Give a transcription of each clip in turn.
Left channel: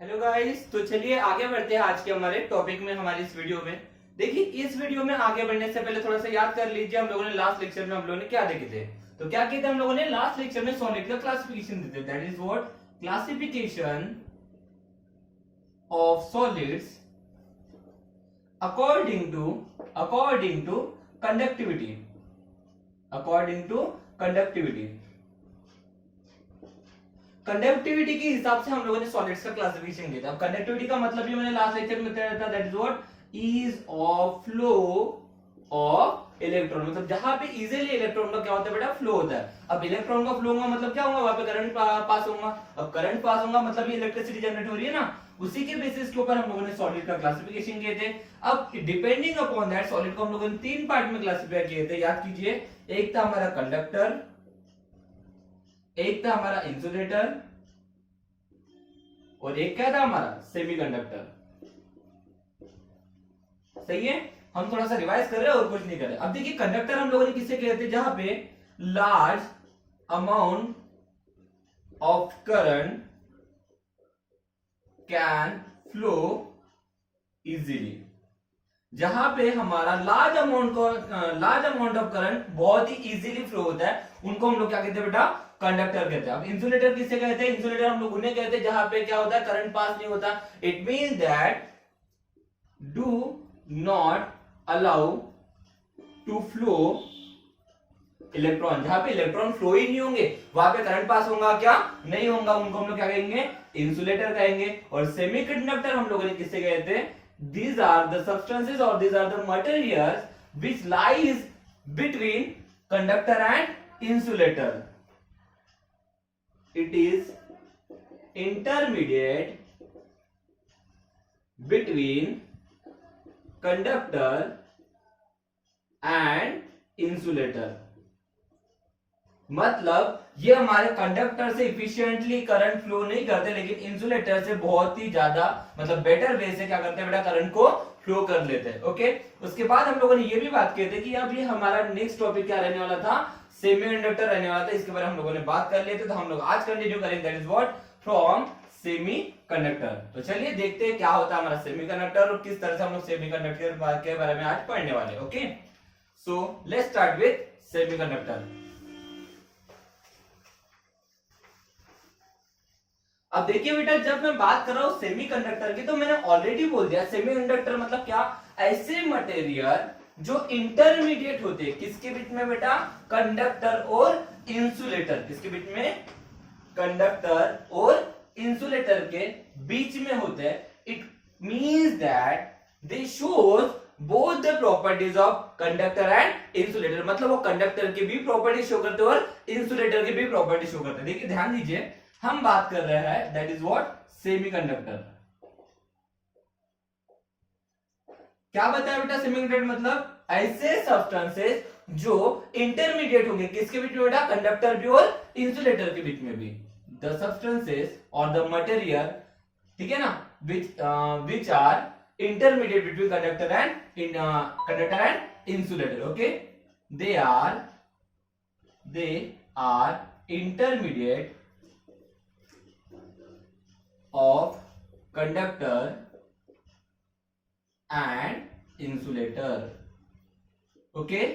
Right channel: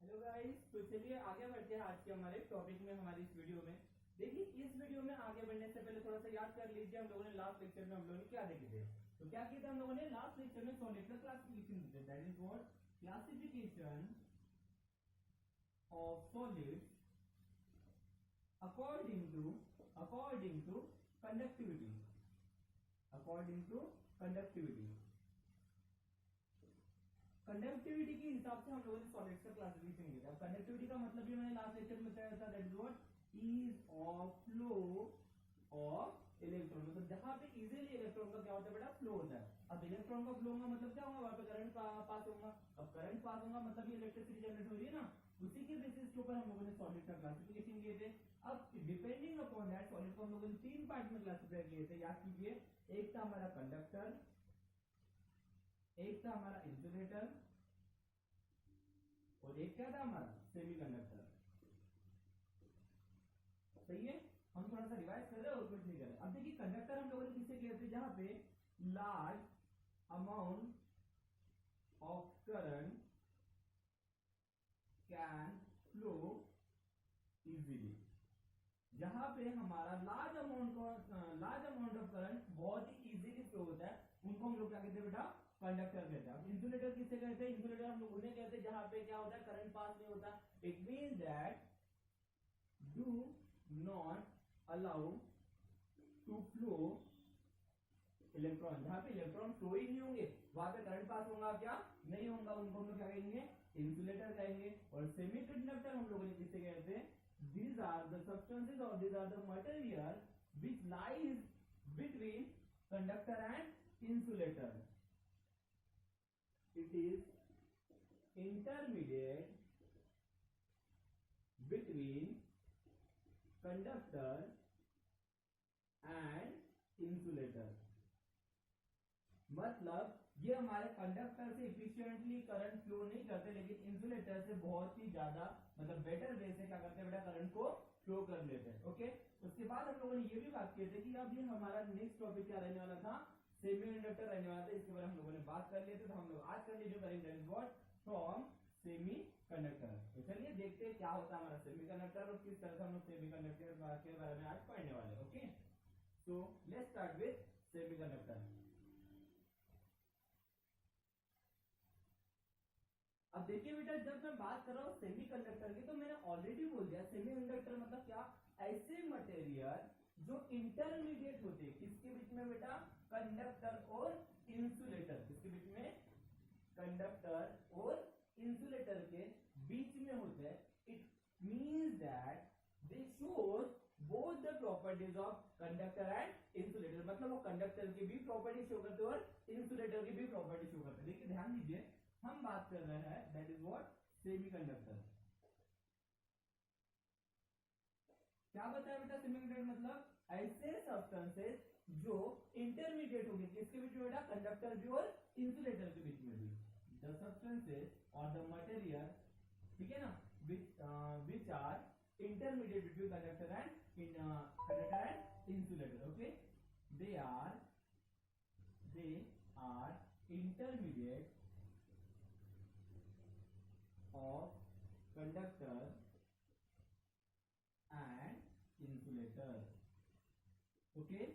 Hello guys, तो चलिए आगे बढ़ते हैं आज के हमारे टॉपिक में, हमारी इस वीडियो में। देखिए, इस वीडियो में आगे बढ़ने से पहले थोड़ा सा याद कर लीजिए, हम लोगों ने लास्ट लेक्चर में हम लोगों ने क्या देखे थे। तो क्या किए थे हम लोगों ने लास्ट लेक्चर में? सॉलिड का क्लासिफिकेशन देते, that is what classification of solids according to conductivity, according to conductivity. Conductivity के हिसाब से हम लोगों ने सॉलिड्स का क्लासिफिकेशन किया था। अब कंडक्टिविटी का मतलब भी मैंने लास्ट लेक्चर में बताया था, that is what ease of flow of electron. मतलब जहां पे इजीली इलेक्ट्रॉन का क्या होता है बेटा, फ्लो होता है। अब इलेक्ट्रॉन का फ्लो होगा मतलब क्या होगा, वहां पे करंट पास होगा। अब करंट पास होगा मतलब ये इलेक्ट्रिसिटी जनरेट हो रही है ना, उसी के बेसिस के ऊपर हम लोगों ने सॉलिड का क्लासिफिकेशन किए थे। अब डिपेंडिंग अपॉन दैट सॉलिड को हम लोगों ने तीन पार्ट में क्लासिफाई किए थे, याद कीजिए। एक था हमारा कंडक्टर, एक था हमारा इंसुलेटर, और एक क्या था हमारा सेमीकंडक्टर। सही है, हम थोड़ा सा रिवाइज कर रहे हैं और कुछ नहीं कर रहे। अब देखिए, कंडक्टर हम लोगों ने किससे किए थे, जहां पे large amount of current can flow easily. जहां पे हमारा लार्ज अमाउंट ऑफ करंट बहुत ही इजीली फ्लो होता है, उनको हम लोग क्या कहते हैं बेटा, कंडक्टर कहते हैं। अब इंसुलेटर किससे कहते हैं? इंसुलेटर हम लोग उन्हें कहते हैं जहां पे क्या होता है, करंट पास नहीं होता। It means that do not allow to flow electron. जहां पे इलेक्ट्रॉन फ्लो ही नहीं होंगे, वहां पे करंट पास होगा क्या, नहीं होगा, उनको हम लोग क्या कहेंगे, इंसुलेटर कहेंगे। और सेमीकंडक्टर हम लोगों ने किससे कहते हैं? These are the substances or these are the materials which lies between conductor and insulator. It is intermediate between conductor and insulator. मतलब ये हमारे कंडक्टर से इफिशिएंटली करंट फ्लो नहीं करते, लेकिन इंसुलेटर से बहुत ही ज्यादा मतलब बेटर वे से क्या करते हैं बेटा, करंट को फ्लो कर लेते हैं। ओके, उसके बाद हम लोगों ने ये भी बात की थी कि अब ये हमारा नेक्स्ट टॉपिक क्या रहने वाला था, सेमीकंडक्टर रहने वाला था। इसके बारे में हम लोगों ने बात कर लिए थे, तो हम लोग आज कंटिन्यू करेंगे, that is what from semiconductor. तो चलिए देखते हैं क्या होता है हमारा सेमीकंडक्टर और किस तरह से हम लोग सेमीकंडक्टर के बारे में आज पढ़ने वाले। Okay, so let's start with semiconductor. अब देखिए बेटा, जब मैं बात कर रहा हूं सेमीकंडक्टर की, तो मैंने ऑलरेडी बोल दिया सेमीकंडक्टर मतलब क्या, ऐसे मटेरियल जो इंटरमीडिएट होते हैं किसके बीच में बेटा, कंडक्टर और इंसुलेटर। किसके बीच में? कंडक्टर और इंसुलेटर के बीच में होते हैं। It means that they shows both the properties of conductor and insulator. मतलब वो कंडक्टर की भी प्रॉपर्टी शो करते हैं और इंसुलेटर की भी प्रॉपर्टी शो करते हैं। देखिए ध्यान दीजिए, हम बात कर रहे हैं दैट इज व्हाट सेमीकंडक्टर। क्या बताया बेटा, सेमीकंडक्टर मतलब ऐसे सब्सटेंसेस जो इंटरमीडिएट होंगे किसके बीच में बेटा, कंडक्टर भी और इंसुलेटर के बीच में भी। द सब्सटेंसेस और द मटेरियल, ठीक है ना, which are intermediate between conductor and insulator. Okay, they are intermediate of conductor and insulator. Okay,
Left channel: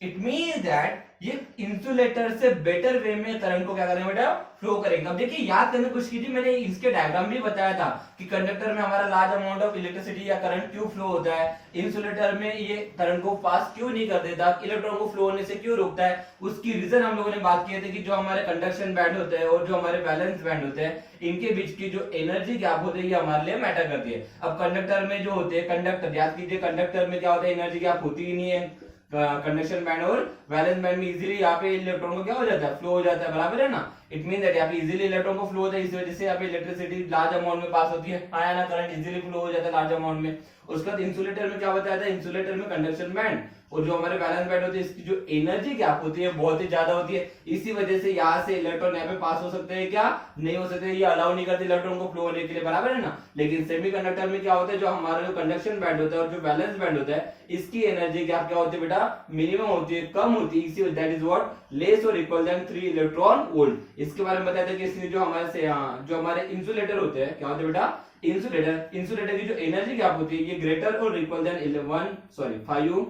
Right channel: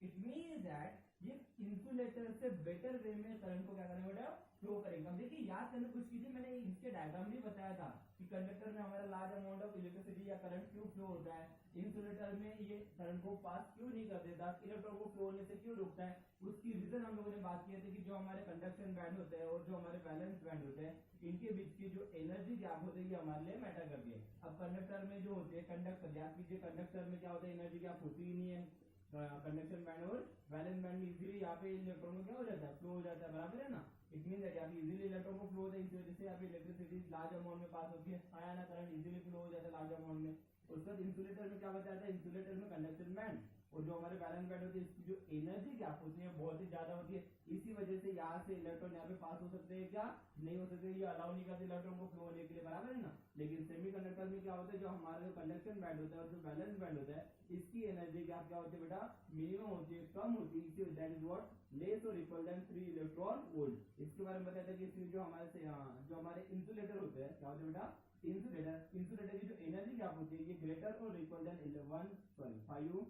it means that ये इंसुलेटर से बेटर वे में करंट को क्या करेंगे बेटा, फ्लो करेंगे। अब देखिए, याद करने की कोशिश कीजिए, मैंने इसके डायग्राम भी बताया था कि कंडक्टर में हमारा लार्ज अमाउंट ऑफ इलेक्ट्रिसिटी या करंट क्यों फ्लो होता है, इंसुलेटर में ये करंट को पास क्यों नहीं कर देता, इलेक्ट्रॉन को फ्लो होने से क्यों रोकता है। उसकी रीजन हम लोगों ने बात की थी कि जो हमारे कंडक्शन बैंड होते हैं और जो हमारे बैलेंस बैंड होते हैं, इनके बीच की जो एनर्जी गैप होती है ये हमारे लिए मैटर करती है। अब कंडक्टर में जो होते हैं, कंडक्टर याद कीजिए, कंडक्टर में क्या होता है, एनर्जी गैप होती ही नहीं है। कंडक्शन बैंड और वैलेंस बैंड में इजीली यहाँ पे इलेक्ट्रॉन को क्या हो जाता है, फ्लो हो जाता है, बराबर है ना। इट मीन दैट यहाँ पे इजीली इलेक्ट्रॉन को फ्लो होता है, इस वजह से यहाँ पे इलेक्ट्रिसिटी लार्ज अमाउंट में पास होती है, ना करंट इजीली फ्लो हो जाता है लार्ज अमाउंट में। उसके बाद इंसुलेटर में क्या बताया था, इंसुलेटर में कंडक्शन बैंड और जो हमारे वैलेंस बैंड होते हैं इसकी जो एनर्जी गैप होती है बहुत ही ज्यादा होती है। इसी वजह से यहाँ से इलेक्ट्रॉन यहाँ पे पास हो सकते हैं क्या, नहीं हो सकते, ये अलाउ नहीं करते इलेक्ट्रॉन को फ्लो होने के लिए, बराबर है ना। लेकिन सेमीकंडक्टर में क्या होता है, जो हमारा जो कंडक्शन बैंड होता है और जो वैलेंस बैंड होता है इसकी एनर्जी गैप क्या होती है बेटा, मिनिमम होती है, कम होती है। इसी दैट इज व्हाट लेस और इक्वल देन 3 इलेक्ट्रॉन वोल्ट। इसके बारे में बताया था कि इसमें जो हमारे से जो हमारे इंसुलेटर होते हैं क्या होते हैं बेटा, इंसुलेटर की जो एनर्जी गैप होती है ये ग्रेटर और इक्वल देन 5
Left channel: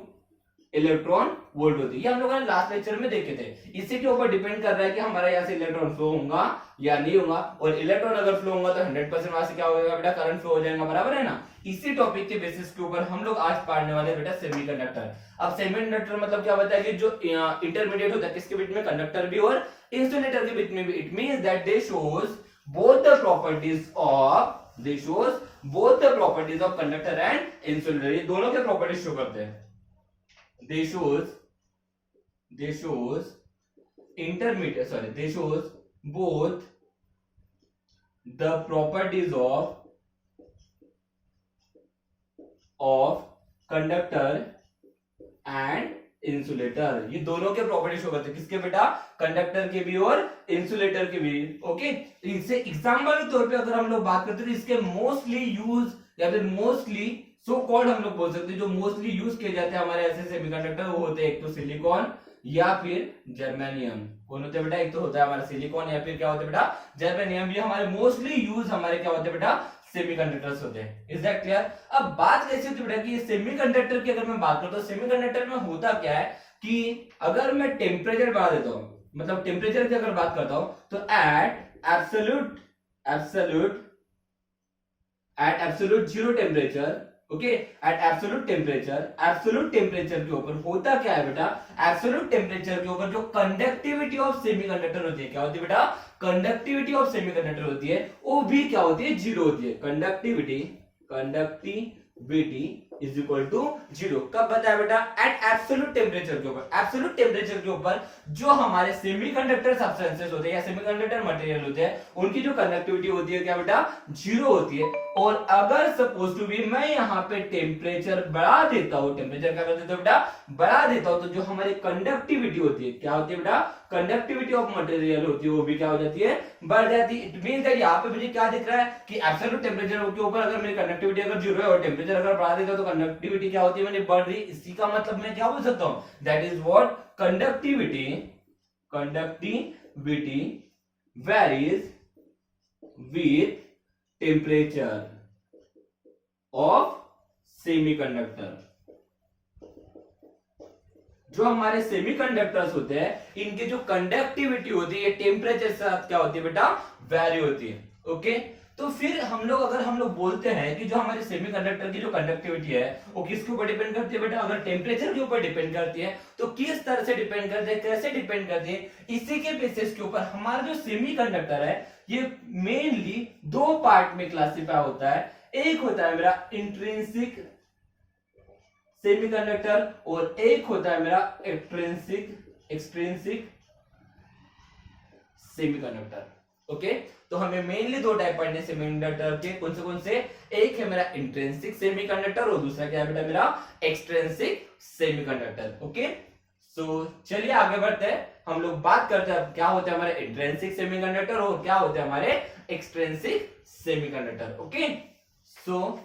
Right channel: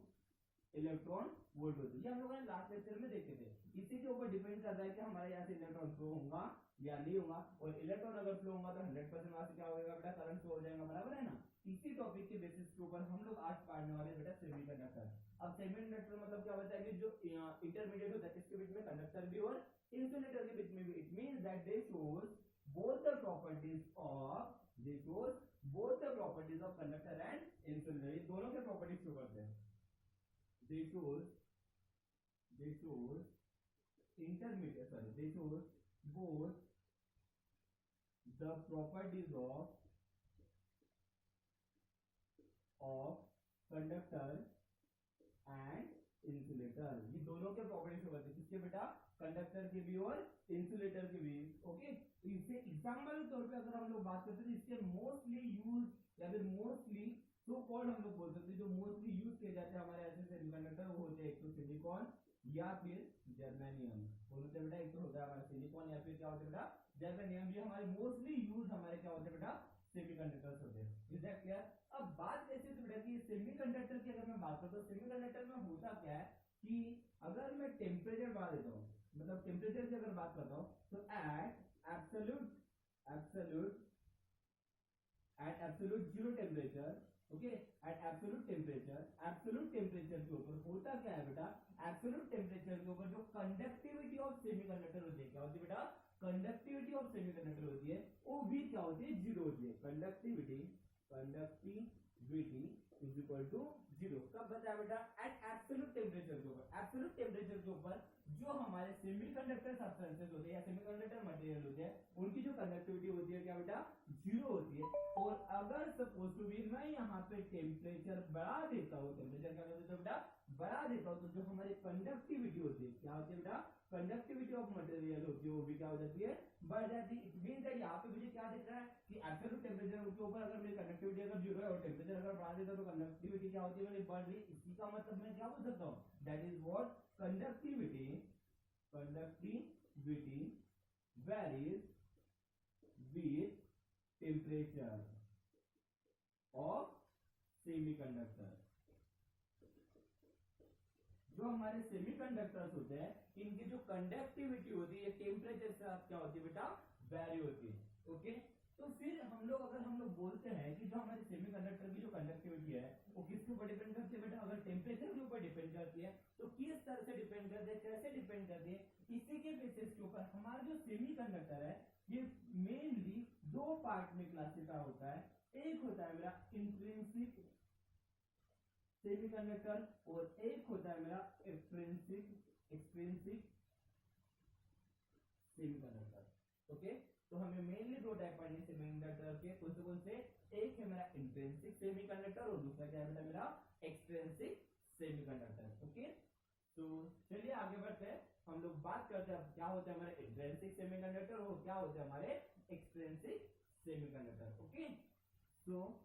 इलेक्ट्रॉन वोल्ट होती है। ये हम लोगों ने लास्ट लेक्चर में देखे थे। इसी के ऊपर डिपेंड कर रहा है कि हमारा यहाँ से इलेक्ट्रॉन फ्लो होगा या नहीं होगा, और इलेक्ट्रॉन अगर फ्लो होगा तो 100% वहां से क्या होगा बेटा, करंट फ्लो हो जाएगा, बराबर है ना। इसी टॉपिक के बेसिस के ऊपर हम लोग आज पढ़ने वाले बेटा सेमीकंडक्टर। अब सेमीकंडक्टर मतलब क्या होता है कि जो इंटरमीडिएट होता है किसके बीच में, कंडक्टर भी और इंसुलेटर के बीच में भी। It means that they shows both the properties of conductor and insulator. ये दोनों के प्रॉपर्टीज शो करते हैं। they shows both the properties of conductor and insulator। ये दोनों के प्रॉपर्टी शो करते हैं, किसके बेटा, कंडक्टर के भी और इंसुलेटर के भी। ओके, इनसे एग्जांपल के तौर पे अगर हम लोग बात करते हैं तो इसके मोस्टली यूज या फिर मोस्टली सो कॉल्ड हम लोग बोल सकते हैं, जो मोस्टली यूज किए जाते हैं हमारे ऐसे सेमीकंडक्टर वो होते हैं एक तो सिलिकॉन या फिर जर्मेनियम। कौन होते हैं बेटा, एक तो होता है हमारा सिलिकॉन या फिर क्या होता है बेटा, जर्मेनियम। ये हमारे मोस्टली यूज हमारे क्या होते हैं बेटा, सेमीकंडक्टर्स होते हैं। Is that clear. अब बात कैसे होती है बेटा कि सेमीकंडक्टर की अगर मैं बात करता हूं, सेमीकंडक्टर में होता क्या है कि अगर मैं टेम्परेचर बढ़ा देता हूं, मतलब टेम्परेचर की अगर बात करता हूं तो at absolute zero temperature, okay, at absolute temperature के ऊपर होता क्या है बेटा, एब्सोल्यूट टेम्परेचर के ऊपर जो कंडक्टिविटी ऑफ सेमीकंडक्टर होती है क्या होती है बेटा, कंडक्टिविटी ऑफ सेमीकंडक्टर होती है वो भी क्या होती है, जीरो होती है। Conductivity is equal to zero. कब बताया बेटा, एट एब्सोल्यूट टेम्परेचर के ऊपर। एब्सोल्यूट टेम्परेचर के ऊपर जो हमारे सेमीकंडक्टर सब्सटेंसेस होते हैं या सेमीकंडक्टर मटेरियल होते हैं उनकी जो कंडक्टिविटी होती है क्या बेटा, जीरो होती है। और अगर सपोज टू बी मैं यहाँ पे टेम्परेचर बढ़ा देता हूँ, टेम्परेचर क्या कर देता हूँ बेटा, बढ़ा देता हूँ, तो जो हमारी कंडक्टिविटी होती है क्या होती है बेटा, कंडक्टिविटी ऑफ मटेरियल होती है वो भी क्या हो जाती है, बढ़ जाती है। इट मींस दैट यहाँ पे मुझे क्या दिख रहा है कि एब्सोल्यूट टेम्परेचर के ऊपर अगर मेरी कंडक्टिविटी अगर जीरो है और टेम्परेचर अगर बढ़ा देता हूँ तो कंडक्टिविटी क्या होती है, मैंने बढ़ रही। इसी का मतलब मैं क्या बोल सकता हूँ, that is what conductivity varies with temperature of semiconductor। जो हमारे सेमीकंडक्टर्स होते हैं इनकी जो कंडक्टिविटी होती है टेम्परेचर के साथ क्या होती है बेटा, वैरी होती है। ओके, तो फिर हम लोग बोलते हैं कि जो हमारे सेमीकंडक्टर की जो कंडक्टिविटी है वो किसके ऊपर डिपेंड करती है बेटा, अगर टेम्परेचर के ऊपर डिपेंड करती है तो किस तरह से डिपेंड करती है, कैसे डिपेंड करती है, इसी के बेसिस के ऊपर हमारा जो सेमीकंडक्टर है ये मेनली दो पार्ट में क्लासिफाई होता है। एक होता है मेरा इंट्रिंसिक सेमीकंडक्टर और एक होता है मेरा एक्सट्रिंसिक सेमीकंडक्टर। ओके, तो हमें मेनली दो टाइप पढ़ने सेमीकंडक्टर के, कौन से, एक है मेरा इंट्रिंसिक सेमीकंडक्टर और दूसरा क्या है बेटा मेरा एक्सट्रिंसिक सेमीकंडक्टर। ओके, सो चलिए आगे बढ़ते हैं। हम लोग बात करते हैं क्या होता है हमारे इंट्रिंसिक सेमीकंडक्टर और क्या होता है हमारे एक्सट्रिंसिक सेमीकंडक्टर। ओके, सो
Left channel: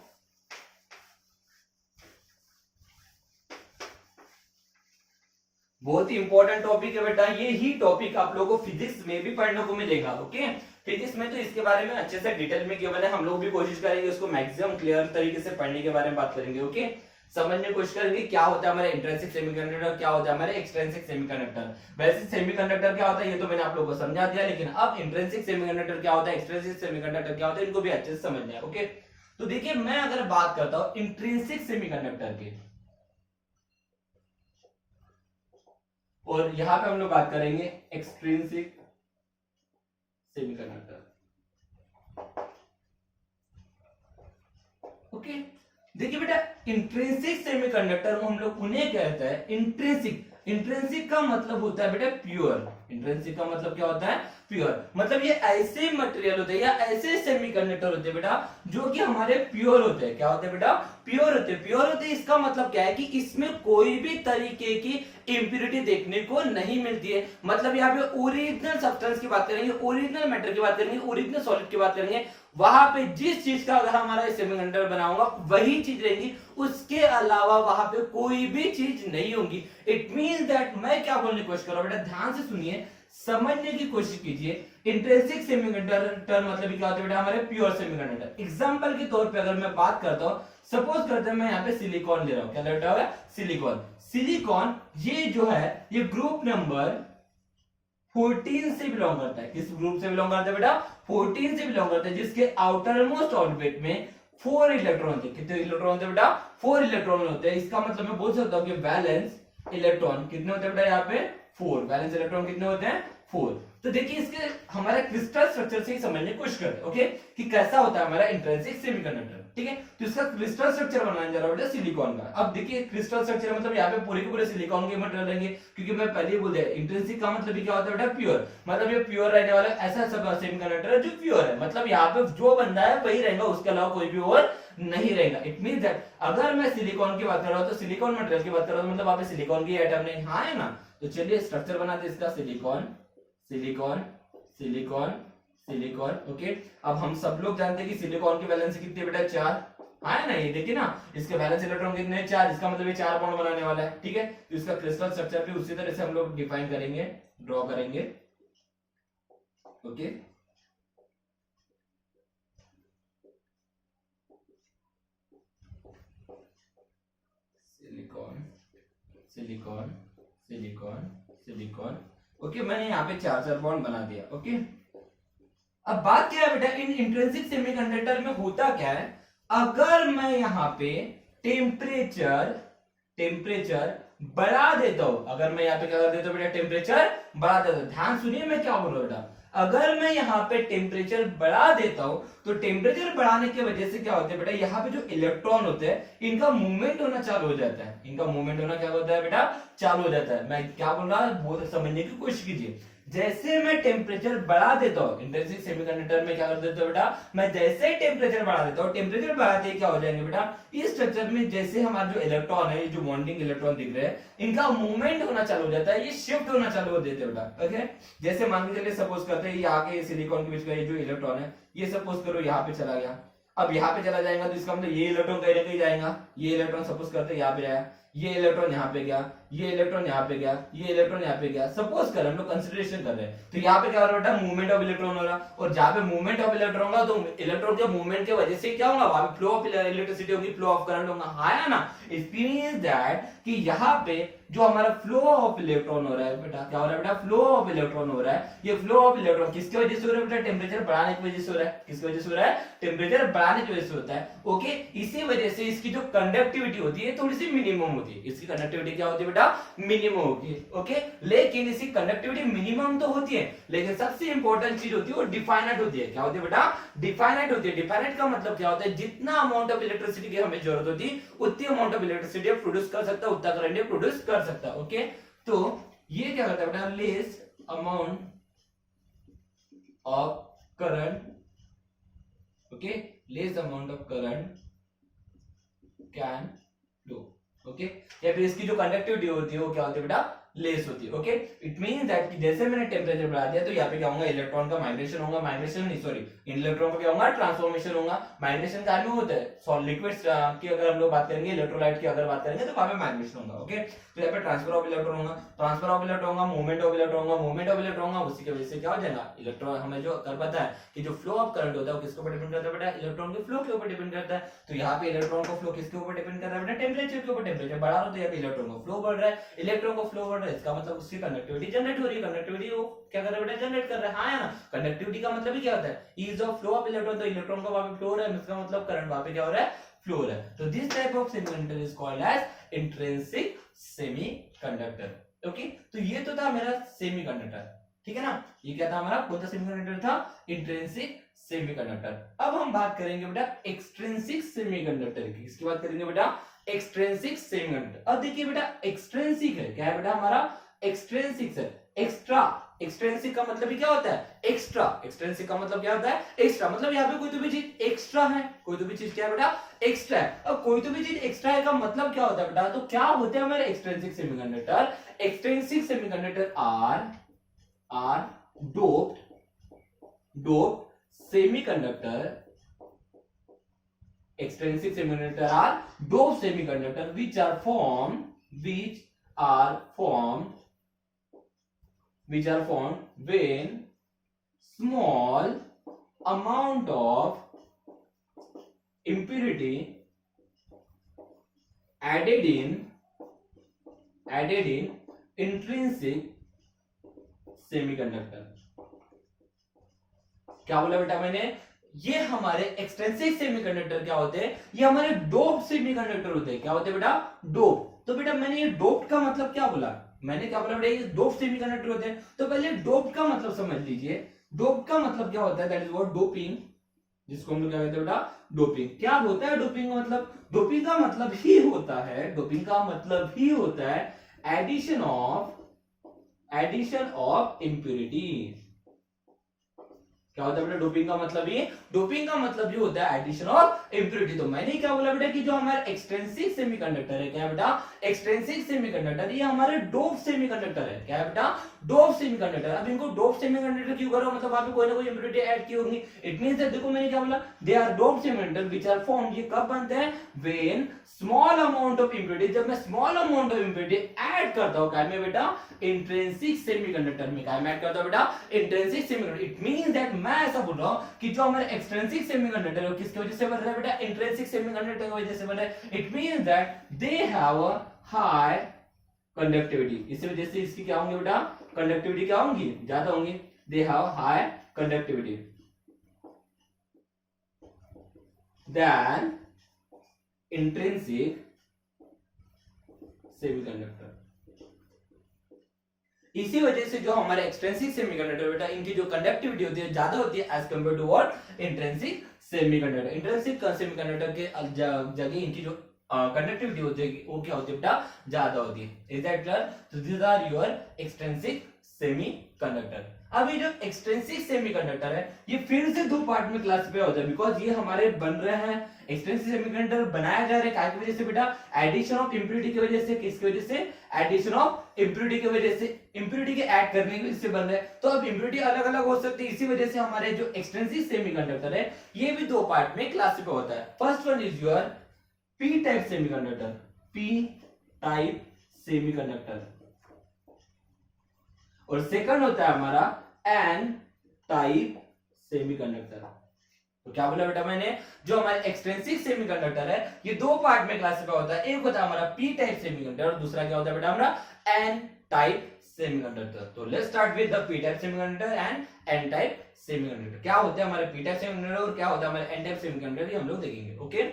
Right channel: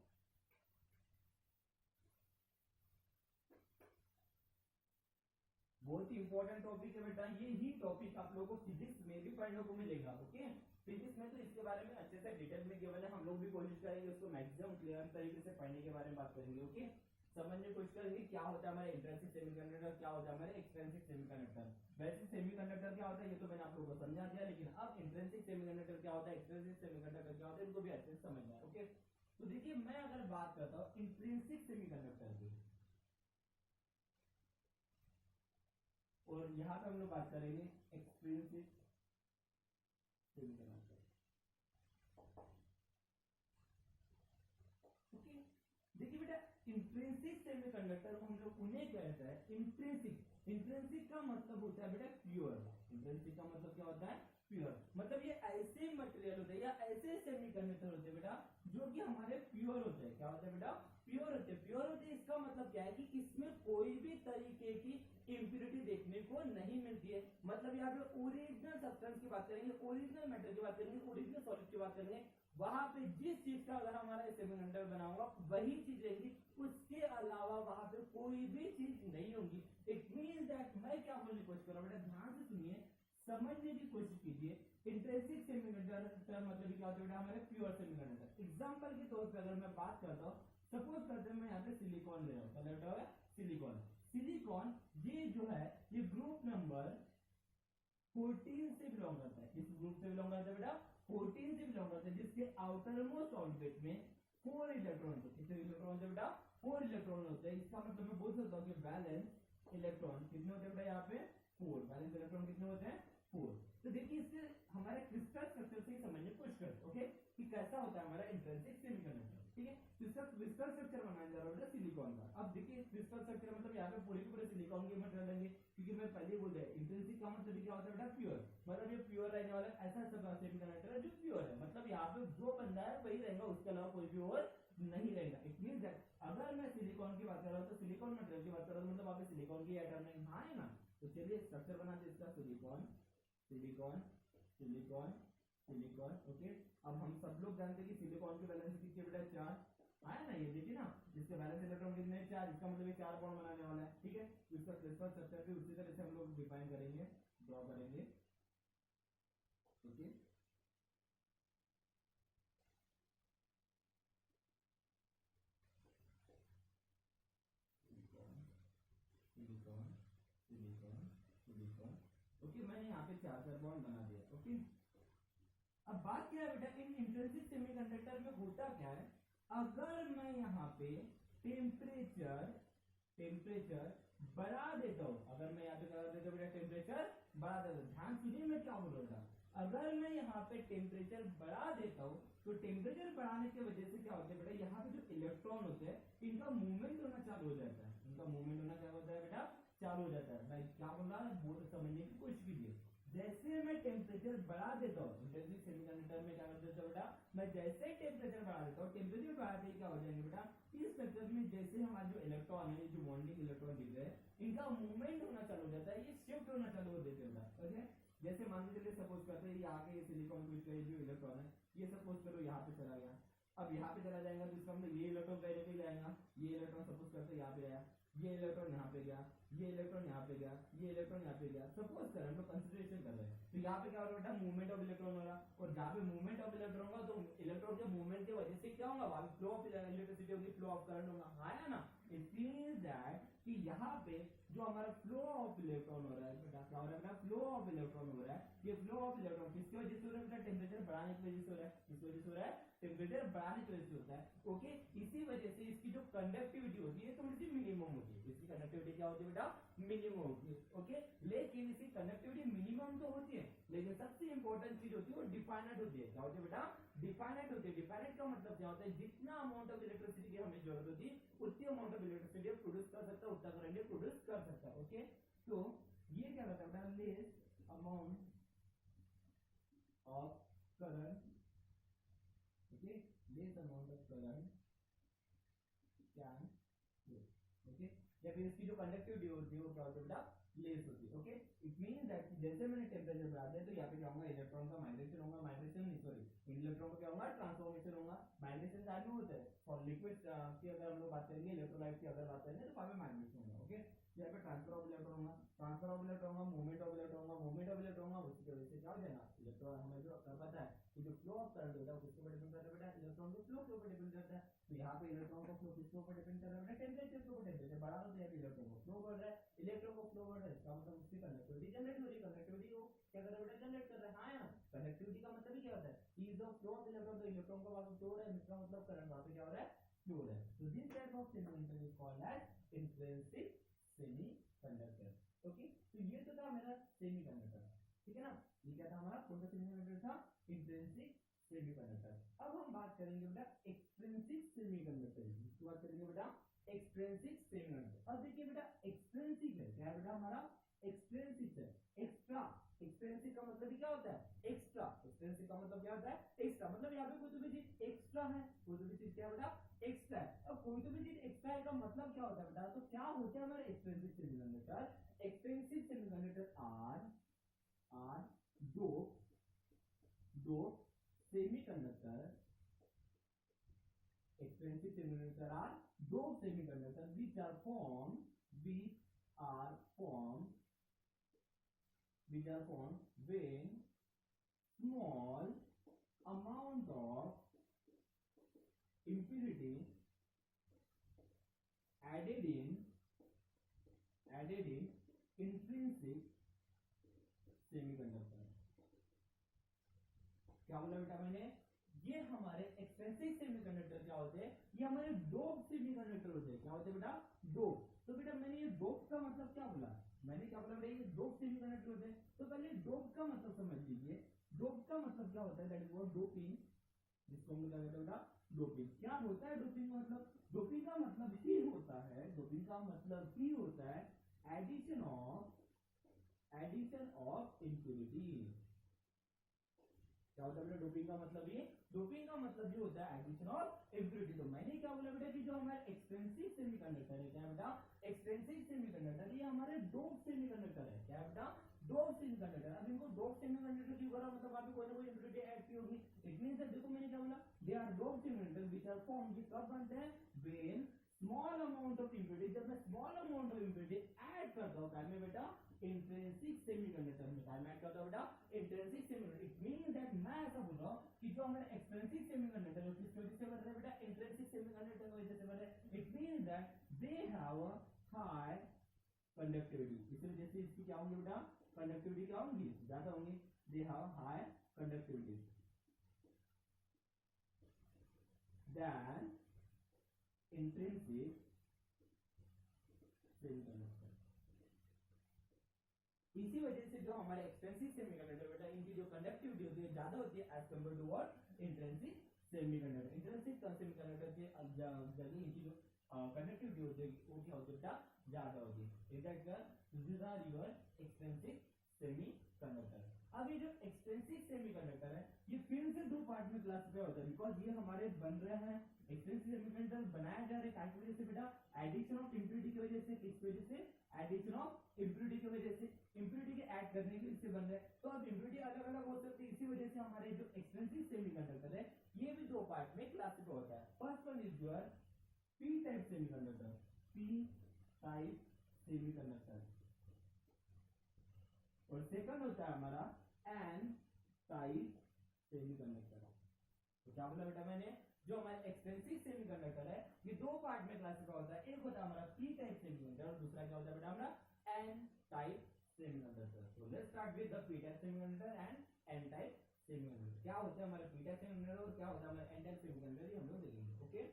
बहुत ही इंपॉर्टेंट टॉपिक है बेटा, ये ही टॉपिक आप लोगों को फिजिक्स में भी पढ़ने को मिलेगा। ओके, फिजिक्स में तो इसके बारे में अच्छे से डिटेल में गिवन है, हम लोग भी कोशिश करेंगे उसको मैक्सिमम क्लियर तरीके से पढ़ने के बारे में बात करेंगे। ओके, समझने की कोशिश करेंगे क्या होता है हमारे इंट्रिंसिक सेमीकंडक्टर, क्या होता है हमारे एक्सट्रिंसिक सेमीकंडक्टर। वैसे सेमीकंडक्टर क्या होता है ये तो मैंने आप लोगों को समझा दिया, लेकिन अब इंट्रिंसिक सेमीकंडक्टर क्या होता है, एक्सट्रिंसिक सेमीकंडक्टर क्या होता है, इनको भी अच्छे से समझना है। ओके, तो देखिए मैं अगर बात करता हूं इंट्रिंसिक सेमीकंडक्टर की और यहां पे हम लोग बात करेंगे एक्सट्रिंसिक सेमीकंडक्टर। ओके, देखिए बेटा इंट्रिंसिक सेमीकंडक्टर हम लोग उन्हें कहते हैं इंट्रिंसिक। इंट्रिंसिक का मतलब होता है बेटा प्योर। इंट्रिंसिक का मतलब क्या होता है, प्योर। मतलब ये ऐसे मटेरियल होते हैं या ऐसे सेमीकंडक्टर होते हैं बेटा जो कि हमारे प्योर होते हैं। क्या होते हैं बेटा? प्योर होते हैं। प्योर होते हैं इसका मतलब क्या है कि इसमें कोई भी तरीके की इंप्योरिटी देखने को नहीं मिलती है। मतलब यहाँ पे ओरिजिनल सब्सटेंस की बात करेंगे, ओरिजिनल मैटर की बात करेंगे, ओरिजिनल सॉलिड की बात करेंगे, वहां पे जिस चीज का अगर हमारा सेमीकंडक्टर बना होगा वही चीज रहेगी, उसके अलावा वहां पे कोई भी चीज नहीं होगी। इट मींस दैट मैं क्या बोलने की कोशिश कर रहा हूं बेटा, ध्यान से सुनिए, समझने की कोशिश कीजिए। इंट्रिंसिक सेमीकंडक्टर मतलब क्या होता है बेटा? हमारे प्योर सेमीकंडक्टर। एग्जांपल के तौर पे अगर मैं बात करता हूं, सपोज करते हैं मैं यहाँ पे सिलिकॉन ले रहा हूं। क्या ले रहा हूं? सिलिकॉन। सिलिकॉन ये जो है ये ग्रुप नंबर 14 से बिलोंग करता है। किस ग्रुप से बिलोंग करता है बेटा? 14 से बिलोंग करता है, जिसके आउटर मोस्ट ऑर्बिट में 4 इलेक्ट्रॉन होते हैं। कितने इलेक्ट्रॉन होते हैं बेटा? 4 इलेक्ट्रॉन होते हैं। इसका मतलब मैं बोल सकता हूं कि वैलेंस इलेक्ट्रॉन कितने होते हैं बेटा? यहाँ पे 4। वैलेंस इलेक्ट्रॉन कितने होते हैं? 4। तो देखिए इसके हमारा क्रिस्टल स्ट्रक्चर से ही समझने की कोशिश करते हैं, ओके, कि कैसा होता है हमारा इंट्रिंसिक सेमीकंडक्टर। ठीक है, तो इसका क्रिस्टल स्ट्रक्चर बनाने जा रहा हूं बेटा सिलिकॉन का। अब देखिए क्रिस्टल स्ट्रक्चर मतलब यहाँ पे पूरे के पूरे सिलिकॉन के मटेरियल रहेंगे, क्योंकि मैं पहले ही बोल दिया इंट्रिंसिक का मतलब क्या होता है बेटा? प्योर। मतलब ये प्योर रहने वाला ऐसा सब सेमीकंडक्टर है जो प्योर है। मतलब यहाँ पे जो बंदा है वही रहेगा, उसके अलावा कोई भी और नहीं रहेगा। इट मींस दैट अगर मैं सिलिकॉन की बात कर रहा हूं तो सिलिकॉन मटेरियल की बात कर रहा हूं, मतलब वहां पे सिलिकॉन की एटम नहीं, हाँ है ना? तो चलिए स्ट्रक्चर बनाते इसका, silicon silicon silicon silicon. Okay, अब हम सब लोग जानते हैं कि सिलिकॉन की वैलेंसी कितनी है बेटा? 4। हाँ है ना? ये देखिए ना, इसके वैलेंस इलेक्ट्रॉन कितने हैं? 4। इसका मतलब ये 4 बॉन्ड बनाने वाला है। ठीक है, तो इसका क्रिस्टल स्ट्रक्चर भी उसी तरह से हम लोग डिफाइन करेंगे, ड्रॉ करेंगे। Okay, silicon silicon silicon silicon. Okay, मैंने यहाँ पे 4 बॉन्ड बना दिया। ओके, अब बात क्या है बेटा, इन इंट्रिंसिक सेमीकंडक्टर में होता क्या है, अगर मैं यहाँ पे टेम्परेचर टेम्परेचर बढ़ा देता हूं, अगर मैं यहाँ पे क्या कर देता हूं बेटा? टेम्परेचर बढ़ा देता हूं। ध्यान सुनिए मैं क्या बोल रहा हूं बेटा, अगर मैं यहाँ पे टेम्परेचर बढ़ा देता हूं तो टेम्परेचर बढ़ाने की वजह से क्या होता है बेटा? यहाँ पे जो इलेक्ट्रॉन होते हैं इनका मूवमेंट होना चालू हो जाता है। इनका मूवमेंट होना क्या होता है बेटा? चालू हो जाता है। मैं क्या बोल रहा हूं वो समझने की कोशिश कीजिए। जैसे मैं टेम्परेचर बढ़ा देता हूं, इंट्रिंसिक सेमीकंडक्टर में क्या कर देता हूं बेटा? मैं जैसे ही टेम्परेचर बढ़ा देता हूं, टेम्परेचर बढ़ाते ही क्या हो जाएंगे बेटा? इस स्ट्रक्चर में जैसे हमारा जो इलेक्ट्रॉन है, ये जो बॉन्डिंग इलेक्ट्रॉन दिख रहे हैं, इनका मूवमेंट होना चालू हो जाता है, ये शिफ्ट होना चालू हो देते हैं बेटा। ओके, जैसे मान के चलिए सपोज करते हैं यहाँ के सिलिकॉन के बीच का ये जो इलेक्ट्रॉन है, ये सपोज करो यहाँ पे चला गया। अब यहाँ पे चला जाएगा तो इसका मतलब ये इलेक्ट्रॉन कहीं ना कहीं जाएगा। ये इलेक्ट्रॉन सपोज करते हैं यहाँ पे जाएगा, ये इलेक्ट्रॉन यहाँ पे गया, ये इलेक्ट्रॉन यहाँ पे गया, ये इलेक्ट्रॉन यहाँ पे गया। सपोज कर हम लोग कंसिडरेशन कर रहे हैं, तो यहाँ पे क्या हो रहा है? मूवमेंट ऑफ इलेक्ट्रॉन हो रहा है। और जहाँ पे मूवमेंट ऑफ इलेक्ट्रॉन होगा तो इलेक्ट्रॉन के मूवमेंट की वजह से क्या होगा? वहां पे फ्लो ऑफ इलेक्ट्रिसिटी होगी, फ्लो ऑफ करंट होगा। हाँ है ना? इट मींस दैट कि यहाँ पे जो हमारा फ्लो ऑफ इलेक्ट्रॉन हो रहा है बेटा, क्या हो रहा है बेटा? फ्लो ऑफ इलेक्ट्रॉन हो रहा है। ये फ्लो ऑफ इलेक्ट्रॉन किसकी वजह से हो रहा है बेटा? टेम्परेचर बढ़ाने की वजह से हो रहा है। किसकी वजह से हो रहा है? टेम्परेचर बढ़ाने की वजह से होता है। ओके, इसी वजह से इसकी जो कंडक्टिविटी होती है थोड़ी सी मिनिमम होती है। इसकी कंडक्टिविटी क्या होती है बेटा? मिनिमम होगी। ओके, लेकिन इसकी कंडक्टिविटी मिनिमम तो होती है, लेकिन सबसे इंपॉर्टेंट चीज होती है वो डिफाइनाइट होती है। क्या होती है बेटा? डिफाइनाइट होती है। डिफाइनाइट का मतलब क्या होता है? जितना अमाउंट ऑफ इलेक्ट्रिसिटी की हमें जरूरत होती है उतनी अमाउंट ऑफ इलेक्ट्रिसिटी प्रोड्यूस कर सकता है, उतना करंट प्रोड्यूस कर सकता है। ओके, तो ये क्या करता है बेटा? Less amount of current, okay, less amount of current can flow. Okay, या फिर इसकी जो कंडक्टिविटी होती है वो क्या होती है बेटा? लेस होती है। ओके, इट मींस दैट कि जैसे मैंने टेम्परेचर बढ़ा दिया तो यहाँ पे क्या होगा? इलेक्ट्रॉन का माइग्रेशन होगा, माइग्रेशन नहीं सॉरी, इलेक्ट्रॉन का क्या होगा? ट्रांसफॉर्मेशन होगा। माइग्रेशन का में होता है सॉलिड लिक्विड्स की अगर हम लोग बात करेंगे, इलेक्ट्रोलाइट की अगर बात करेंगे तो वहां पे माइग्रेशन होगा। ओके, तो यहाँ पे ट्रांसफर ऑफ इलेक्ट्रॉन होगा, ट्रांसफर ऑफ इलेक्ट्रॉन होगा, मूवमेंट ऑफ इलेक्ट्रॉन होगा, मूवमेंट ऑफ इलेक्ट्रॉन होगा, उसी की वजह से क्या हो जाएगा? इलेक्ट्रॉन हमें जो कर पता है कि जो फ्लो ऑफ करंट होता है वो किसके ऊपर डिपेंड करता है बेटा? इलेक्ट्रॉन के फ्लो के ऊपर डिपेंड करता है। तो यहाँ पे इलेक्ट्रॉन का फ्लो किसके ऊपर डिपेंड कर रहा है बेटा? टेम्परेचर के ऊपर। टेम्परेचर बढ़ा रहा हो तो यहाँ पे इलेक्ट्रॉन का फ्लो बढ़ रहा है, इलेक्ट्रॉन का फ्लो बढ़ रहा है, इसका मतलब उसकी कंडक्टिविटी जनरेट हो रही है। कंडक्टिविटी वो क्या कर रहा है बेटा? जनरेट कर रहा है। हाँ है ना? कंडक्टिविटी का मतलब ही क्या होता है? Is of flow of electron. तो इलेक्ट्रॉन का वहां पे फ्लो हो रहा है, इसका मतलब करंट वहां पे क्या हो रहा है? फ्लो हो रहा है। तो this type of semiconductor is called as intrinsic semiconductor. Okay, तो ये तो था मेरा सेमीकंडक्टर, ठीक है ना? ये क्या था हमारा? कौन सा सेमीकंडक्टर था? Intrinsic semiconductor. अब हम बात करेंगे बेटा एक्सट्रिंसिक सेमीकंडक्टर की। किसकी बात करेंगे बेटा? Extrinsic semiconductor. अब देखिए बेटा एक्सट्रिंसिक है क्या है बेटा? हमारा एक्सट्रिंसिक है, एक्स्ट्रा एक्सट्रिंसिक का मतलब ही क्या होता है? एक्स्ट्रा। एक्सट्रिंसिक का मतलब क्या होता है? एक्स्ट्रा। मतलब यहाँ पे कोई तो भी चीज एक्स्ट्रा है, कोई तो भी चीज क्या है बेटा? एक्स्ट्रा है। अब कोई तो भी चीज एक्स्ट्रा है का मतलब क्या होता है बेटा? तो क्या होते हैं हमारे extrinsic semiconductor? Extrinsic semiconductor are doped semiconductor, extrinsic semiconductor are doped semiconductor which are formed when small amount of impurity added in intrinsic semiconductor। क्या बोला बेटा मैंने? ये हमारे एक्सट्रिंसिक सेमीकंडक्टर क्या होते हैं? ये हमारे डोप्ड सेमीकंडक्टर होते हैं। क्या होते हैं बेटा? डोप। तो बेटा मैंने ये डोप्ड का मतलब क्या बोला? मैंने क्या बोला बेटा? ये डोप्ड सेमीकंडक्टर होते हैं। तो पहले डोप्ड का मतलब समझ लीजिए। डोप्ड का मतलब क्या होता है? दैट इज व्हाट डोपिंग, जिसको हम लोग क्या कहते हैं बेटा? डोपिंग। क्या होता है डोपिंग का मतलब? डोपिंग का मतलब ही होता है एडिशन ऑफ इंप्यूरिटी। क्या होता है बेटा डोपिंग का मतलब? ये डोपिंग का मतलब ये होता है एडिशन ऑफ इंप्यूरिटी। तो मैंने क्या बोला बेटा कि जो हमारा एक्सट्रिंसिक सेमीकंडक्टर है, क्या है बेटा? एक्सट्रिंसिक सेमीकंडक्टर ये हमारे डोप सेमीकंडक्टर है। क्या है बेटा? Dope semiconductor. अब इनको डोप सेमीकंडक्टर क्यों करो? मतलब वहां पे कोई ना कोई इंप्यूरिटी ऐड की होगी। इट मींस दैट देखो मैंने क्या बोला? They are dope semiconductor which are formed. ये कब बनते हैं? When small amount of impurity, जब मैं small amount of impurity add करता हूं, क्या में बेटा? इंट्रिंसिक सेमीकंडक्टर में। क्या में ऐड करता हूं बेटा? Intrinsic semiconductor. It means that मैं ऐसा बोल रहा हूं कि जो हमारे एक्सट्रिंसिक सेमीकंडक्टर है वो किसकी वजह से बन रहा है बेटा? इंट्रिंसिक सेमीकंडक्टर की वजह से बन रहा है। It means that they have a high conductivity. इस वजह से इसकी क्या होंगे बेटा? कंडक्टिविटी क्या होंगी? ज्यादा होंगी। They have high conductivity than intrinsic semiconductor. इसी वजह से जो हमारे एक्सट्रिंसिक सेमीकंडक्टर बेटा इनकी जो कंडक्टिविटी होती है ज्यादा होती है as compare to what? Intrinsic semiconductor. Intrinsic semiconductor के जगह इनकी जो कंडक्टिविटी होती है वो क्या होती है बेटा? ज्यादा होती है। Is that clear? तो this are your extrinsic semiconductor. अब ये जो एक्सट्रिंसिक सेमीकंडक्टर है ये फिर से दो पार्ट में क्लासिफाई होता है, बिकॉज ये हमारे बन रहे हैं एक्सट्रिंसिक सेमीकंडक्टर बनाया जा रहा है काय की वजह से बेटा? एडिशन ऑफ इंप्यूरिटी की वजह से। किसकी वजह से? एडिशन ऑफ इंप्यूरिटी की वजह से। इंप्यूरिटी के ऐड करने की वजह से बन रहा है। तो अब इंप्यूरिटी अलग अलग हो सकती है, इसी वजह से हमारे जो एक्सट्रिंसिक सेमीकंडक्टर है ये भी दो पार्ट में क्लासिफाई होता है। First one is your P type semiconductor. P type semiconductor. और सेकंड होता है हमारा एन टाइप सेमीकंडक्टर। तो क्या बोला बेटा मैंने? जो हमारे एक्सट्रिंसिक सेमीकंडक्टर है ये दो पार्ट में क्लासिफाई होता है। एक होता है हमारा पी टाइप सेमीकंडक्टर और दूसरा क्या होता है बेटा हमारा? N type semiconductor. तो let's start with the P type semiconductor and N type semiconductor. क्या होते हैं हमारे पी टाइप सेमीकंडक्टर और क्या होता है हमारे एन टाइप सेमीकंडक्टर, ये हम लोग देखेंगे। ओके,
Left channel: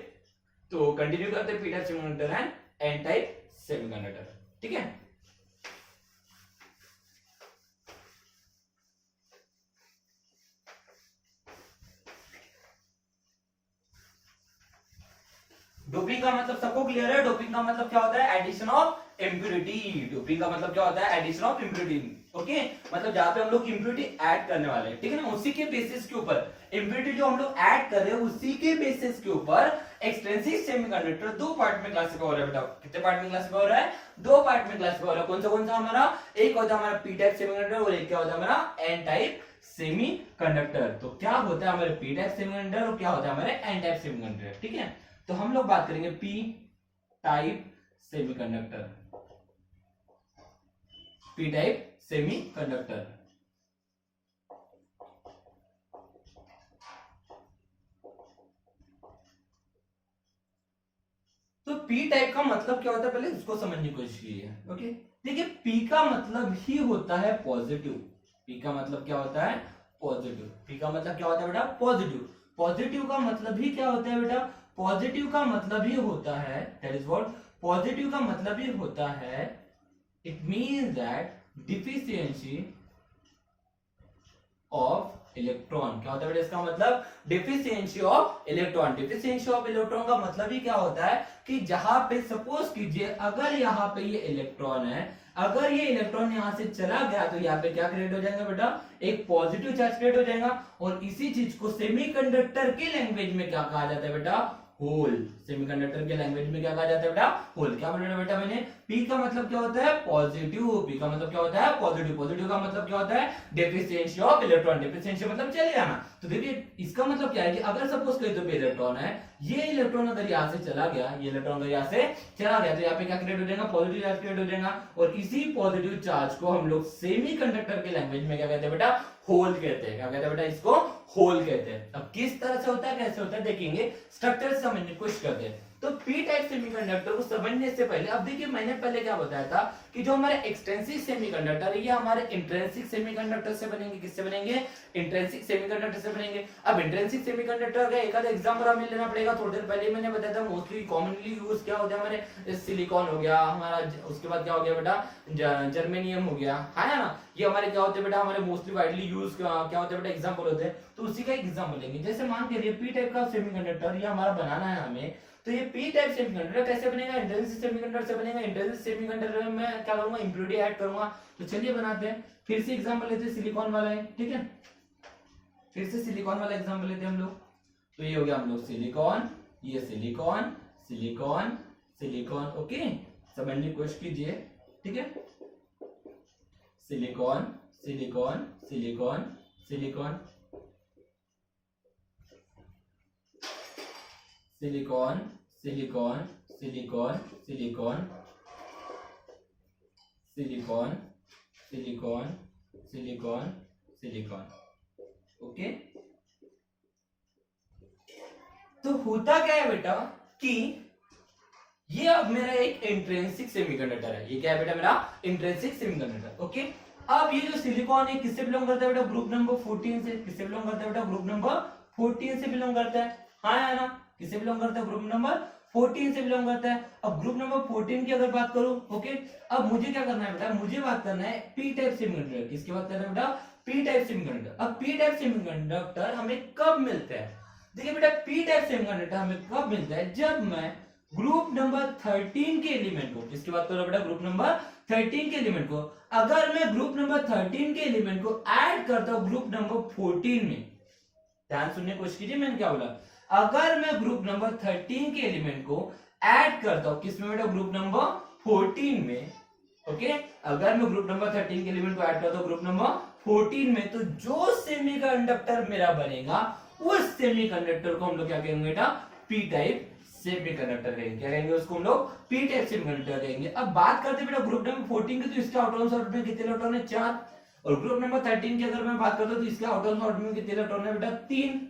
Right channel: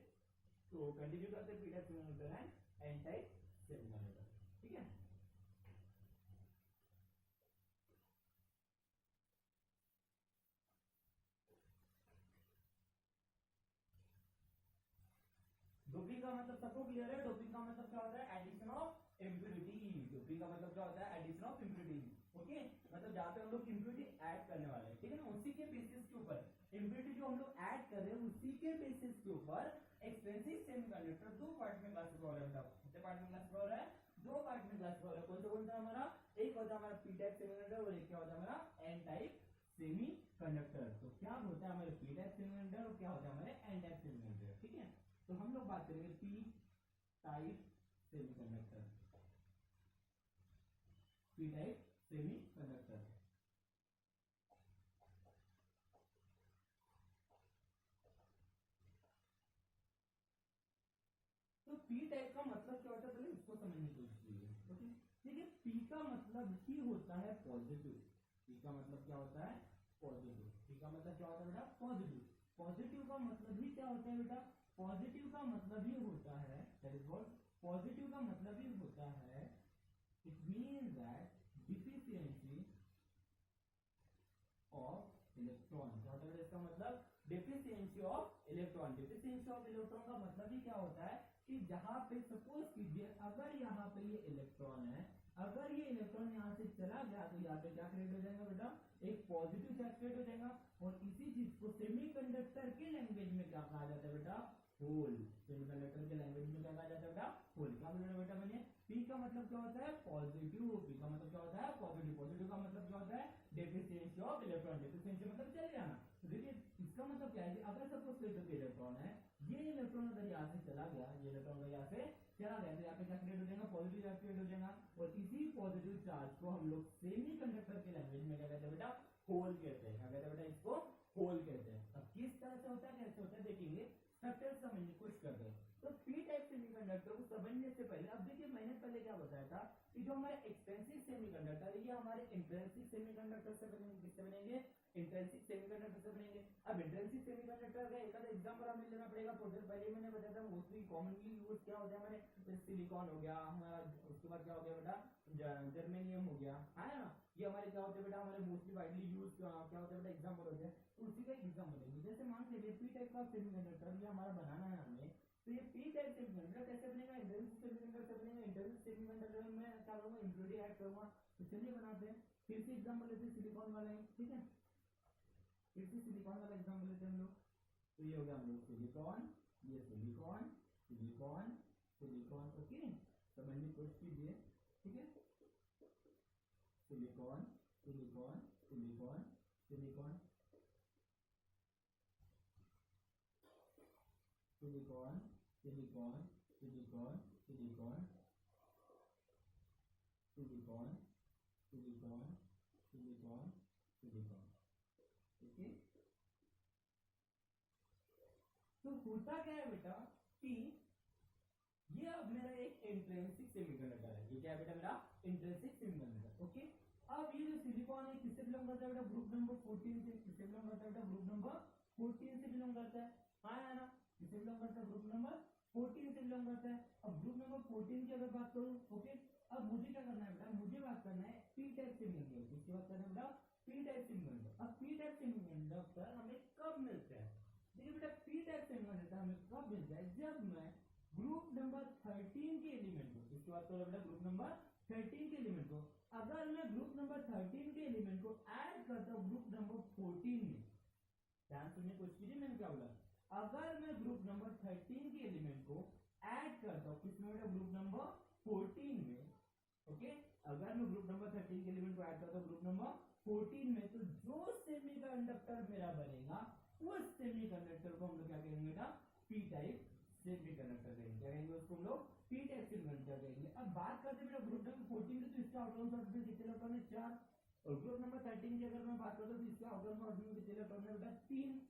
तो कंटिन्यू करते हैं P type semiconductor and N type semiconductor. ठीक है, डोपिंग का मतलब सबको क्लियर है? डोपिंग का मतलब क्या होता है? Addition of impurity. डोपिंग का मतलब क्या होता है? Addition of impurity. ओके, मतलब जहां पे हम लोग इंप्यूरिटी ऐड करने वाले हैं, ठीक है ना, उसी के बेसिस के ऊपर इंप्यूरिटी जो हम लोग ऐड कर रहे हैं उसी के बेसिस के ऊपर एक्सट्रिंसिक सेमीकंडक्टर दो पार्ट में क्लासिफाई हो रहा है बेटा। कितने पार्ट में क्लासिफाई हो रहा है? दो पार्ट में क्लासिफाई हो रहा है। कौन सा हमारा? एक होता है हमारा पी टाइप सेमीकंडक्टर और एक क्या होता है हमारा? N type semiconductor. तो क्या होता है हमारे पी टाइप सेमीकंडक्टर और क्या होता है हमारे एन टाइप सेमीकंडक्टर? ठीक है, तो हम लोग बात करेंगे P type semiconductor. P type semiconductor. तो पी टाइप का मतलब क्या होता है पहले उसको समझने की कोशिश कीजिए। ओके, देखिए पी का मतलब ही होता है पॉजिटिव। पी का मतलब क्या होता है? पॉजिटिव। पी का मतलब क्या होता है बेटा? पॉजिटिव। पॉजिटिव का मतलब ही क्या होता है बेटा? पॉजिटिव का मतलब ही होता है, दैट इज व्हाट, पॉजिटिव का मतलब ही होता है, it means that deficiency of electron. क्या होता है बेटा इसका मतलब? Deficiency of electron. Deficiency of electron का मतलब ही क्या होता है कि जहां पे सपोज कीजिए अगर यहाँ पे ये इलेक्ट्रॉन है अगर ये इलेक्ट्रॉन यहाँ से चला गया तो यहाँ पे क्या क्रिएट हो जाएगा बेटा, एक पॉजिटिव चार्ज क्रिएट हो जाएगा। और इसी चीज को सेमीकंडक्टर की लैंग्वेज में क्या कहा जाता है बेटा, होल। सेमीकंडक्टर के लैंग्वेज में क्या कहा जाता है बेटा, होल। क्या बोला बेटा मैंने, पी का मतलब क्या होता है, पॉजिटिव। पी का मतलब क्या होता है, पॉजिटिव। पॉजिटिव का मतलब क्या होता है, डेफिशिएंसी ऑफ इलेक्ट्रॉन। डेफिशिएंसी मतलब चले जाना। तो देखिए इसका मतलब क्या है कि अगर सपोज कोई तो इलेक्ट्रॉन है, ये इलेक्ट्रॉन अगर यहाँ से चला गया, ये इलेक्ट्रॉन अगर यहाँ से चला गया तो यहाँ पे क्या क्रिएट हो जाएगा, पॉजिटिव चार्ज क्रिएट हो जाएगा। और इसी पॉजिटिव चार्ज को हम लोग सेमीकंडक्टर के लैंग्वेज में क्या कहते हैं बेटा, होल कहते हैं। क्या कहते हैं बेटा, इसको होल कहते हैं। अब किस तरह से होता है, कैसे होता है देखेंगे, स्ट्रक्चर समझने की कोशिश करते हैं। तो पी टाइप सेमीकंडक्टर को समझने से पहले अब देखिए मैंने पहले क्या बताया था कि जो हमारे एक्सट्रिंसिक सेमीकंडक्टर है ये हमारे इंट्रिंसिक सेमीकंडक्टर से बनेंगे। किससे बनेंगे, इंट्रिंसिक सेमीकंडक्टर से बनेंगे। अब इंट्रिंसिक सेमीकंडक्टर का एक आधा एग्जांपल हमें लेना पड़ेगा। थोड़ी देर पहले मैंने बताया था मोस्टली कॉमनली यूज क्या होता है, हमारे सिलिकॉन हो गया हमारा, उसके बाद क्या हो गया बेटा, जर्मेनियम हो गया, है ना। ये हमारे क्या होते हैं बेटा, हमारे मोस्टली वाइडली यूज क्या होते हैं बेटा, एग्जांपल होते हैं। तो उसी का एग्जांपल लेंगे। जैसे मान के लिए पी टाइप का सेमीकंडक्टर ये हमारा बनाना है हमें, तो ये पी टाइप सेमीकंडक्टर कैसे बनेगा, इंट्रिंसिक सेमीकंडक्टर से बनेगा। इंट्रिंसिक सेमीकंडक्टर में मैं क्या करूंगा, इंप्योरिटी ऐड करूंगा। तो चलिए बनाते हैं। फिर से एग्जांपल लेते हैं, सिलिकॉन वाला है, ठीक है। फिर से सिलिकॉन वाला एग्जांपल लेते हैं हम लोग। तो ये हो गया हम लोग सिलिकॉन, ये सिलिकॉन, सिलिकॉन, सिलिकॉन। ओके, समझने की कोशिश कीजिए, ठीक है। Silicon, silicon, silicon, silicon, silicon, silicon, silicon, silicon, silicon, silicon, silicon, silicon. Okay, तो होता क्या है बेटा कि ये अब मेरा एक इंट्रिंसिक सेमीकंडक्टर है। ये क्या है बेटा, मेरा इंट्रिंसिक सेमीकंडक्टर। ओके, अब ये जो सिलिकॉन है किससे बिलोंग करता है बेटा, ग्रुप नंबर 14 से। किससे बिलोंग करता है बेटा, ग्रुप नंबर 14 से बिलोंग करता है। हाँ या ना, किससे बिलोंग करता है, ग्रुप नंबर 14 से बिलोंग करता है। अब ग्रुप नंबर 14 की अगर बात करूं, ओके, अब मुझे क्या करना है बेटा, मुझे बात करना है पी टाइप सेमीकंडक्टर। किसकी बात करना है बेटा, पी टाइप सेमीकंडक्टर। अब पी टाइप सेमीकंडक्टर हमें कब मिलता है, देखिए बेटा पी टाइप सेमीकंडक्टर हमें कब मिलता है, जब मैं ग्रुप नंबर 13 के एलिमेंट को, किसकी बात कर रहा हूं बेटा, ग्रुप नंबर 13 के एलिमेंट को, अगर मैं ग्रुप नंबर 13 के एलिमेंट को ऐड करता हूं ग्रुप नंबर 14 में। ध्यान सुनने की कोशिश कीजिए, मैंने क्या बोला, अगर मैं ग्रुप नंबर 13 के एलिमेंट को ऐड करता हूं किसमें बेटा, ग्रुप नंबर 14 में। ओके, अगर मैं ग्रुप नंबर 13 के एलिमेंट को ऐड करता हूं ग्रुप नंबर 14 में, तो जो सेमीकंडक्टर मेरा बनेगा उस सेमीकंडक्टर को हम लोग क्या कहेंगे बेटा, पी टाइप सेमीकंडक्टर कहेंगे। क्या कहेंगे उसको हम लोग, पी टाइप सेमीकंडक्टर कहेंगे। अब बात करते हैं बेटा ग्रुप नंबर 14 की, तो इसके आउटर ऑर्बिट में कितने इलेक्ट्रॉन है, 4। और ग्रुप नंबर 13 की अगर मैं बात करता हूं तो इसके आउटर ऑर्बिट में कितने इलेक्ट्रॉन है बेटा, 3,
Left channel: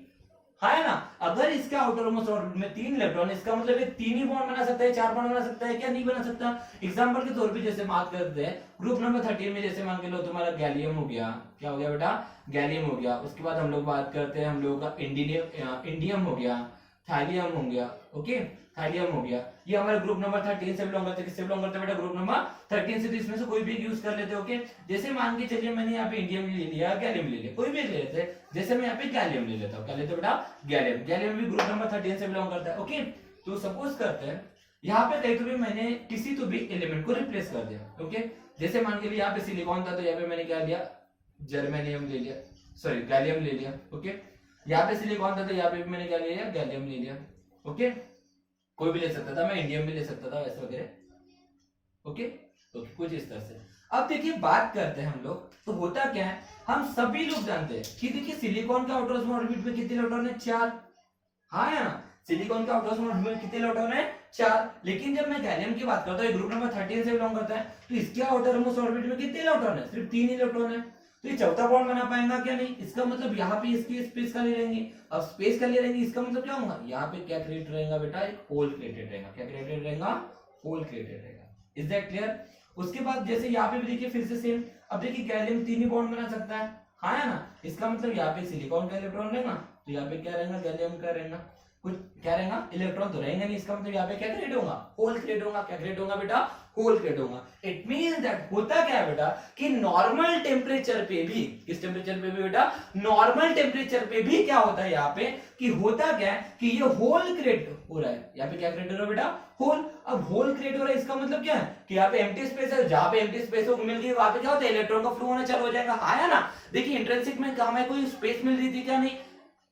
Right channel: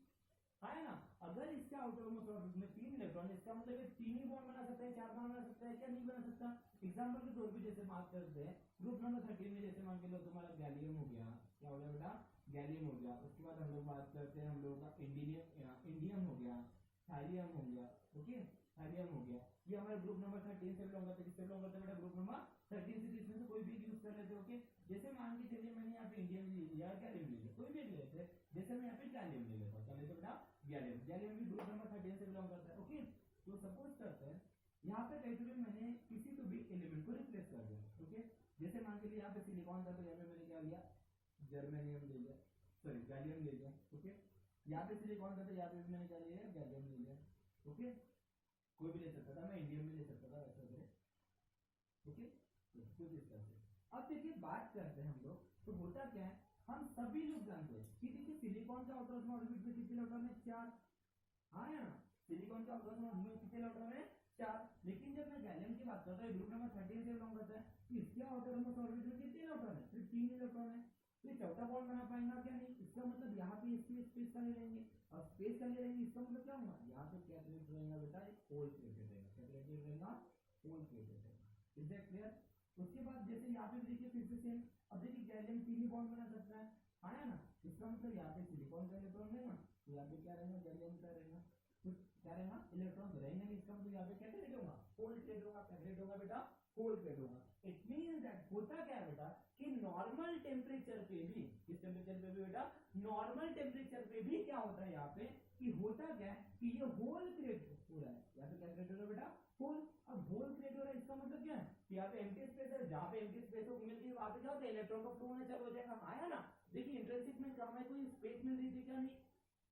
है ना। अगर इसका आउटर ऑर्बिट में 3 इलेक्ट्रॉन, इसका मतलब ये 3 ही बॉन्ड बना सकता है, 4 बॉन्ड बना सकता है क्या, नहीं बना सकता। एग्जांपल के तौर पे जैसे बात करते हैं ग्रुप नंबर 13 में, जैसे मान के लो तुम्हारा गैलियम हो गया, क्या हो गया बेटा, गैलियम हो गया। उसके बाद हम लोग बात करते हैं हम लोगों का इंडियम हो गया, थाइलियम हो गया। ओके, थाइलियम हो गया। ये हमारे ग्रुप नंबर 13 से बिलोंग करते हैं। किससे बिलोंग करते हैं बेटा, ग्रुप नंबर 13 से। तो इसमें से कोई भी यूज कर लेते हैं। ओके, जैसे मान के चलिए मैंने यहाँ पे इंडियम ले लिया, गैलियम ले लिया, कोई भी ले लेते हैं। जैसे मैं यहाँ पे गैलियम ले लेता हूँ, क्या लेते हैं बेटा, गैलियम। गैलियम भी ग्रुप नंबर 13 से बिलोंग करता है। ओके, तो सपोज करते हैं यहाँ पे कहीं तो भी मैंने किसी तो भी एलिमेंट को रिप्लेस कर दिया। ओके, जैसे मान के लिए यहाँ पे सिलिकॉन था तो यहाँ पे मैंने क्या लिया, जर्मेनियम ले लिया, सॉरी गैलियम ले लिया। ओके, यहाँ पे सिलिकॉन था तो यहाँ पे भी मैंने क्या ले लिया, गैलियम ले लिया। ओके, कोई भी ले सकता था, मैं इंडियम भी ले सकता था, वैसे वगैरह। ओके, ओके, कुछ इस तरह से। अब देखिए बात करते हैं हम लोग, तो होता क्या है, हम सभी लोग जानते हैं कि देखिए सिलिकॉन का आउटर ऑर्बिट में कितने इलेक्ट्रॉन है, 4। हाँ या ना, सिलिकॉन का आउटर ऑर्बिट में कितने इलेक्ट्रॉन है, 4। लेकिन जब मैं गैलियम की बात करता हूँ, ग्रुप नंबर 13 से बिलोंग करता है, तो इसके आउटर ऑर्बिट में कितने इलेक्ट्रॉन है, सिर्फ 3 इलेक्ट्रॉन है। तो ये चौथा बॉन्ड बना पाएगा क्या, नहीं। इसका मतलब यहाँ पे इसकी स्पेस का ले लेंगे। अब स्पेस का ले लेंगे, इसका मतलब क्या होगा, यहाँ पे क्या क्रिएट रहेगा बेटा, एक होल क्रिएटेड रहेगा। क्या क्रिएटेड रहेगा, होल क्रिएटेड रहेगा। Is that clear. उसके बाद जैसे यहाँ पे भी देखिए फिर से सेम। अब देखिए गैलियम 3 ही बॉन्ड बना सकता है, हाँ है ना। इसका मतलब यहाँ पे सिलिकॉन का इलेक्ट्रॉन रहेगा, तो यहाँ पे क्या रहेगा, गैलियम का रहेगा। कुछ क्या रहेगा, इलेक्ट्रॉन तो रहेंगे नहीं, इसका मतलब यहाँ पे क्या क्रिएट होगा, होल क्रिएट होगा। क्या क्रिएट होगा बेटा, होल क्रिएट होगा। इट मींस दैट होता क्या है बेटा कि नॉर्मल टेम्परेचर पे भी, किस टेम्परेचर पे भी बेटा, नॉर्मल टेम्परेचर पे भी क्या होता है यहाँ पे कि होता क्या है कि ये होल क्रिएट हो रहा है। यहाँ पे क्या क्रिएट हो रहा है बेटा, होल। अब होल क्रिएट हो रहा है इसका मतलब क्या है कि यहाँ पे एम्प्टी स्पेस है, जहां पे एम्प्टी स्पेस मिल गई वहां पे क्या होता है, इलेक्ट्रॉन का फ्लो होना चालू हो जाएगा। आया ना, देखिए इंट्रिंसिक में हमें कोई स्पेस मिल रही थी क्या, नहीं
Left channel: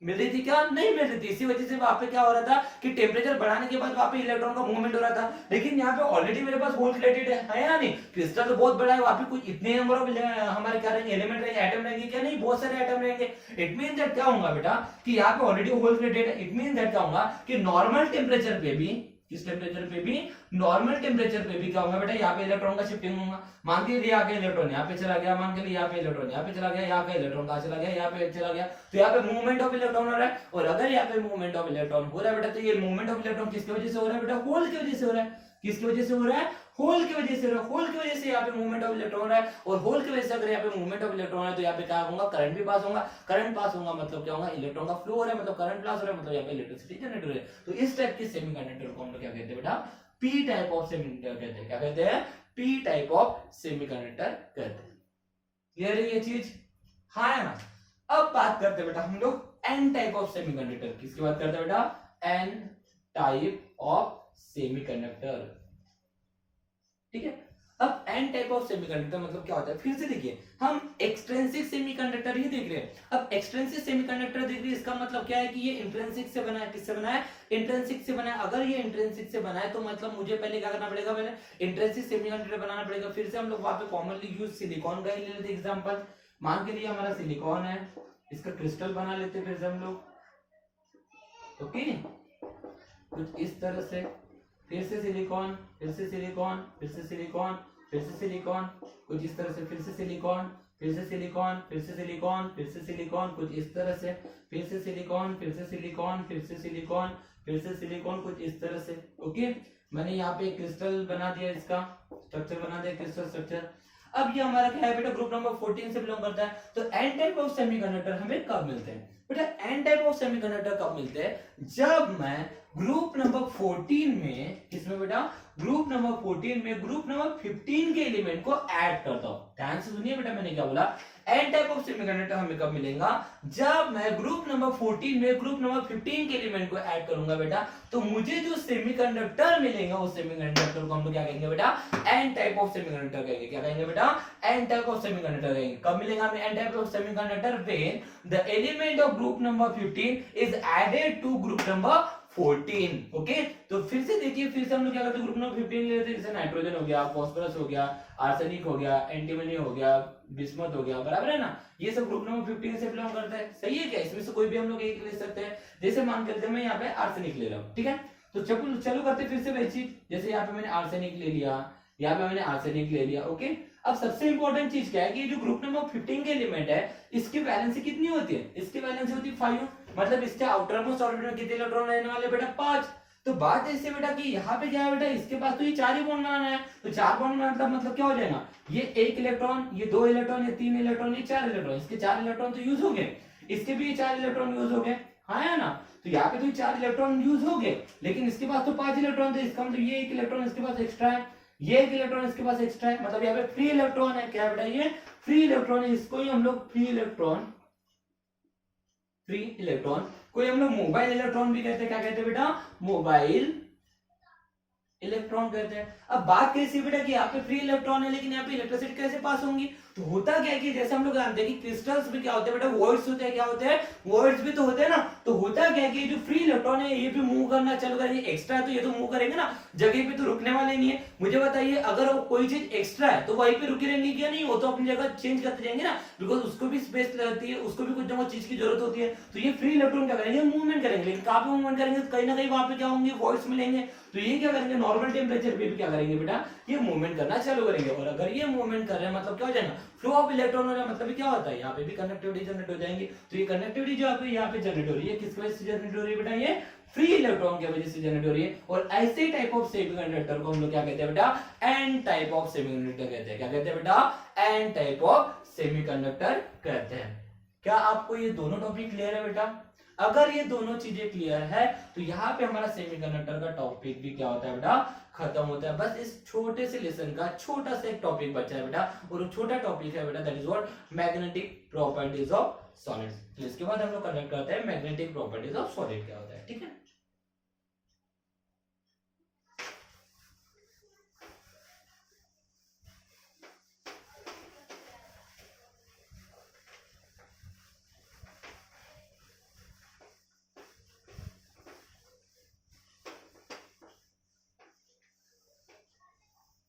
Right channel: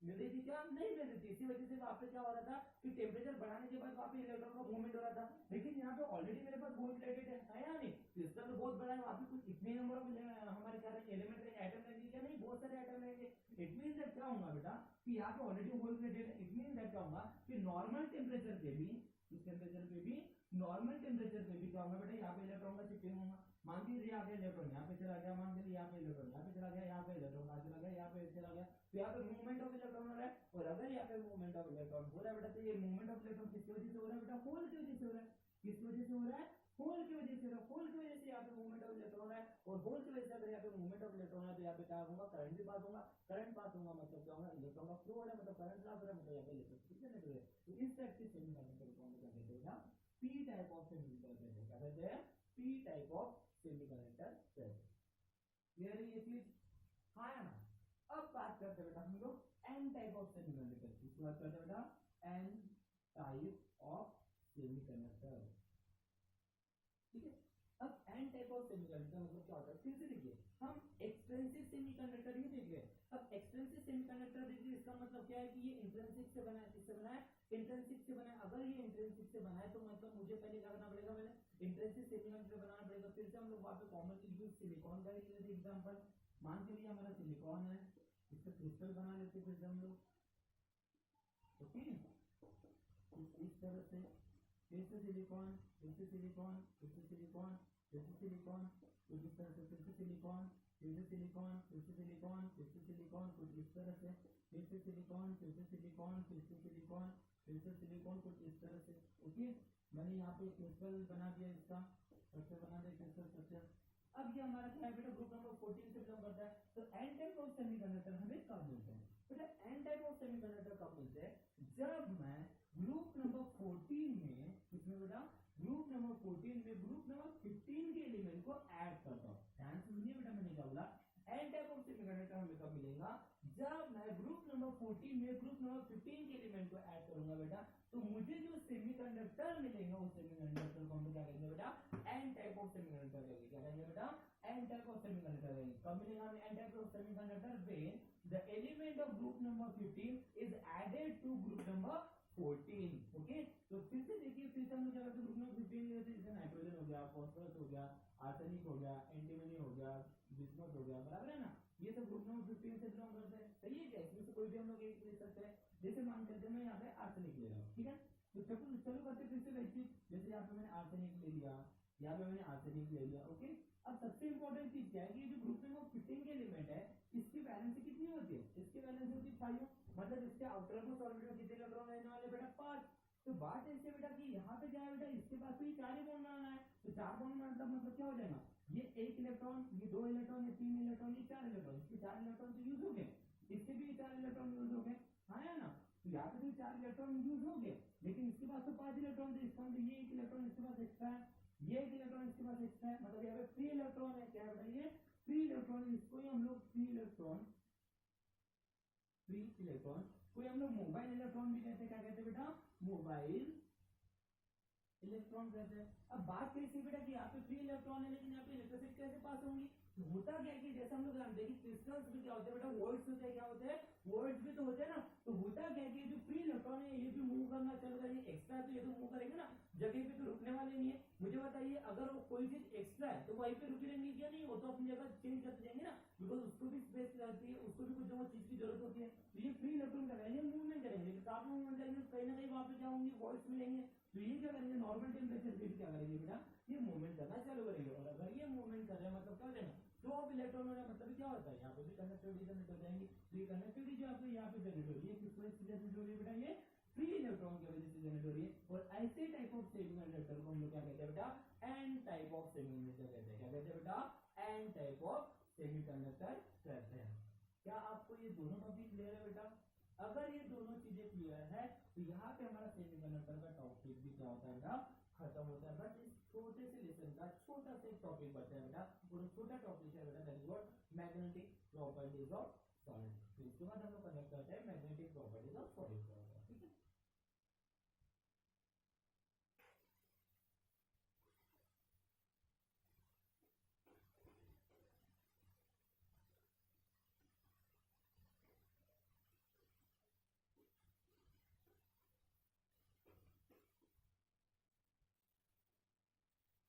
मिल रही थी क्या, नहीं मिल रही थी। इसी वजह से वहां पे क्या हो रहा था कि टेम्परेचर बढ़ाने के बाद वहां पे इलेक्ट्रॉन का मूवमेंट हो रहा था। लेकिन यहाँ पे ऑलरेडी मेरे पास होल क्रिएटेड है या नहीं, क्रिस्टल तो बहुत बड़ा है, वहां पे कुछ इतने नंबर ऑफ हमारे क्या रहेंगे, एलिमेंट रहेंगे, एटम रहेंगे क्या, नहीं बहुत सारे एटम रहेंगे। इट मीन दैट क्या होगा बेटा कि यहाँ पे ऑलरेडी होल क्रिएटेड है। इट मीन दैट क्या होगा कि नॉर्मल टेम्परेचर पे भी, किस टेम्परेचर पे भी, नॉर्मल टेम्परेचर पे भी क्या होगा बेटा, यहाँ पे इलेक्ट्रॉन का शिफ्टिंग होगा। मान के लिए यहाँ के इलेक्ट्रॉन यहाँ पे चला गया, मान के लिए यहाँ पे इलेक्ट्रॉन यहाँ पे चला गया, यहाँ का इलेक्ट्रॉन कहाँ चला गया, यहाँ पे चला गया, तो यहाँ पे मूवमेंट ऑफ इलेक्ट्रॉन हो रहा है। और अगर यहाँ पे मूवमेंट ऑफ इलेक्ट्रॉन हो रहा है बेटा, तो ये मूवमेंट ऑफ इलेक्ट्रॉन किसकी वजह से हो रहा है बेटा, होल की वजह से हो रहा है। किसकी वजह से हो रहा है, होल की वजह से हो रहा है। होल की वजह से यहाँ पे मूवमेंट ऑफ इलेक्ट्रॉन हो रहा है, और होल की वजह से अगर यहाँ पे मूवमेंट ऑफ इलेक्ट्रॉन है तो यहाँ पे क्या होगा, करंट भी पास होगा। करंट पास होगा मतलब क्या होगा, इलेक्ट्रॉन का फ्लो हो रहा है, मतलब करंट पास हो रहा है, मतलब यहाँ पे इलेक्ट्रिसिटी जनरेट हो रही है। तो इस टाइप के सेमीकंडक्टर को हम लोग क्या कहते हैं बेटा, पी टाइप ऑफ सेमीकंडक्टर कहते हैं। क्या कहते हैं, पी टाइप ऑफ सेमीकंडक्टर कहते हैं। क्लियर है ये चीज, हाँ है ना। अब बात करते हैं बेटा हम लोग एन टाइप ऑफ सेमीकंडक्टर। किसकी बात करते हैं बेटा, एन टाइप ऑफ सेमीकंडक्टर। ठीक है, अब एन टाइप ऑफ सेमीकंडक्टर मतलब क्या होता है, फिर से देखिए हम एक्सट्रिंसिक सेमीकंडक्टर ही देख रहे हैं। अब एक्सट्रिंसिक सेमीकंडक्टर देख रहे हैं, इसका मतलब क्या है कि ये इंट्रिंसिक से बना है। किससे बना है, इंट्रिंसिक से बना है। अगर ये इंट्रिंसिक से बना है तो मतलब मुझे पहले क्या करना पड़ेगा, पहले इंट्रिंसिक सेमीकंडक्टर बनाना पड़ेगा। फिर से हम लोग वहां पे कॉमनली यूज सिलिकॉन का ही ले लेते एग्जांपल। मान के लिए हमारा सिलिकॉन है, इसका क्रिस्टल बना लेते फिर से हम लोग। ओके, कुछ इस तरह से, फिर से सिलिकॉन, फिर से सिलिकॉन, फिर से सिलिकॉन, फिर से सिलिकॉन, कुछ इस तरह से, फिर से सिलिकॉन, फिर से सिलिकॉन, फिर से सिलिकॉन, फिर से सिलिकॉन, कुछ इस तरह से, फिर से सिलिकॉन, फिर से सिलिकॉन, फिर से सिलिकॉन, फिर से सिलिकॉन, कुछ इस तरह से। ओके, मैंने यहाँ पे क्रिस्टल बना दिया, इसका स्ट्रक्चर बना दिया, क्रिस्टल स्ट्रक्चर। अब ये हमारा क्या है बेटा, ग्रुप नंबर 14 से बिलोंग करता है। तो एन टाइप ऑफ सेमीकंडक्टर हमें कब मिलते हैं बेटा, एन टाइप ऑफ सेमीकंडक्टर कब मिलते हैं, जब मैं ग्रुप नंबर 14 में, किसमें बेटा, ग्रुप नंबर 14 में ग्रुप नंबर 15 के एलिमेंट को ऐड करता हूं। ध्यान से सुनिए बेटा मैंने क्या बोला, एन टाइप ऑफ सेमीकंडक्टर हमें कब मिलेगा, जब मैं ग्रुप नंबर 14 में ग्रुप नंबर 15 के एलिमेंट को ऐड करूंगा बेटा। तो मुझे जो सेमीकंडक्टर मिलेगा उस सेमीकंडक्टर को हम लोग क्या कहेंगे बेटा, एन टाइप ऑफ सेमीकंडक्टर कहेंगे। क्या कहेंगे बेटा, एन टाइप ऑफ सेमीकंडक्टर कहेंगे। कब मिलेगा हमें N type of semiconductor, when the element of group number 15 is added to group number 14। Okay, तो फिर से देखिए, फिर से हम लोग क्या करते हैं, ग्रुप नंबर 15 ले लेते हैं। जैसे नाइट्रोजन हो गया, फास्फोरस हो गया, आर्सेनिक हो गया, एंटीमनी हो गया, बिस्मथ हो गया, बराबर है ना। ये सब ग्रुप नंबर 15 से बिलोंग करता है। सही है क्या, इसमें से कोई भी हम लोग एक ले सकते हैं। जैसे मान करते हैं मैं यहाँ पे आर्सेनिक ले रहा हूँ, ठीक है, तो चलो करते फिर से वही चीज। जैसे यहाँ पे मैंने आर्सेनिक ले लिया, यहाँ पे मैंने आर्सेनिक ले लिया। ओके, अब सबसे इंपॉर्टेंट चीज क्या है कि जो ग्रुप नंबर 15 के एलिमेंट है, इसकी वैलेंसी कितनी होती है, इसकी वैलेंसी होती है 5। मतलब इसके आउटर मोस्ट ऑर्बिटल में कितने इलेक्ट्रॉन रहने वाले बेटा, 5। तो बात ऐसे बेटा कि यहाँ पे क्या है बेटा, इसके पास तो ये 4 ही बॉन्ड बनाना है। तो 4 बॉन्ड बनाना मतलब क्या हो जाएगा, ये 1 इलेक्ट्रॉन, ये 2 इलेक्ट्रॉन, ये 3 इलेक्ट्रॉन, ये 4 इलेक्ट्रॉन। इसके 4 इलेक्ट्रॉन तो यूज हो गए, इसके भी 4 इलेक्ट्रॉन यूज हो गए, हाँ है ना। तो यहाँ पे तो 4 इलेक्ट्रॉन यूज हो गए, लेकिन इसके पास तो 5 इलेक्ट्रॉन थे। इसका मतलब ये 1 इलेक्ट्रॉन इसके पास एक्स्ट्रा है, ये 1 इलेक्ट्रॉन इसके पास एक्स्ट्रा है। मतलब यहाँ पे फ्री इलेक्ट्रॉन है। क्या बेटा, ये फ्री इलेक्ट्रॉन है। इसको ही हम लोग फ्री इलेक्ट्रॉन, फ्री इलेक्ट्रॉन कोई हम लोग मोबाइल इलेक्ट्रॉन भी कहते हैं। क्या कहते हैं बेटा, मोबाइल इलेक्ट्रॉन कहते हैं। अब बात कैसी बेटा कि यहाँ पे फ्री इलेक्ट्रॉन है, लेकिन यहाँ पे इलेक्ट्रिसिटी कैसे पास होंगी। तो होता क्या है कि जैसे हम लोग जानते हैं कि क्रिस्टल्स में क्या होते हैं बेटा, वॉइड्स होते हैं। क्या होते हैं, वॉइड्स भी तो होते हैं ना। तो होता क्या है कि जो फ्री इलेक्ट्रॉन है ये भी मूव करना चालू करेंगे। एक्स्ट्रा है तो ये तो मूव करेंगे ना, जगह पे तो रुकने वाले नहीं है। मुझे बताइए, अगर कोई चीज एक्स्ट्रा है तो वहीं पे रुकी रहेंगी क्या, नहीं, वो तो अपनी जगह चेंज करते जाएंगे ना, बिकॉज उसको भी स्पेस रहती है, उसको भी कुछ ना कुछ चीज की जरूरत होती है। तो ये फ्री इलेक्ट्रॉन क्या करेंगे, मूवमेंट करेंगे। लेकिन कहाँ पे मूवमेंट करेंगे, कहीं ना कहीं वहां पे क्या होंगे, वॉइड्स मिलेंगे। तो ये क्या करेंगे, नॉर्मल टेम्परेचर पे भी क्या करेंगे बेटा, ये मूवमेंट करना चालू करेंगे। और अगर ये मूवमेंट कर रहे हैं मतलब क्या हो जाएगा, फ्लो ऑफ इलेक्ट्रॉन हो रहा है। मतलब क्या होता है, यहाँ पे भी कनेक्टिविटी जनरेट हो जाएंगी। तो ये कनेक्टिविटी जो यहाँ पे जनरेट हो रही है, किसकी वजह से जनरेट हो रही है बेटा, ये फ्री इलेक्ट्रॉन की वजह से जनरेट हो रही है। और ऐसे टाइप ऑफ सेमीकंडक्टर को हम लोग क्या कहते हैं बेटा, एन टाइप ऑफ सेमीकंडक्टर कहते हैं। क्या कहते हैं बेटा, एन टाइप ऑफ सेमीकंडक्टर कहते हैं। क्या आपको ये दोनों टॉपिक क्लियर है बेटा। अगर ये दोनों चीजें क्लियर है तो यहाँ पे हमारा सेमीकंडक्टर का टॉपिक भी क्या होता है बेटा, खत्म होता है। बस इस छोटे से लेसन का छोटा सा एक टॉपिक बचा है बेटा, और वो छोटा टॉपिक है बेटा that is what, magnetic properties of solids. तो इसके बाद हम लोग कनेक्ट करते हैं मैग्नेटिक प्रॉपर्टीज ऑफ सॉलिड क्या होता है, ठीक है।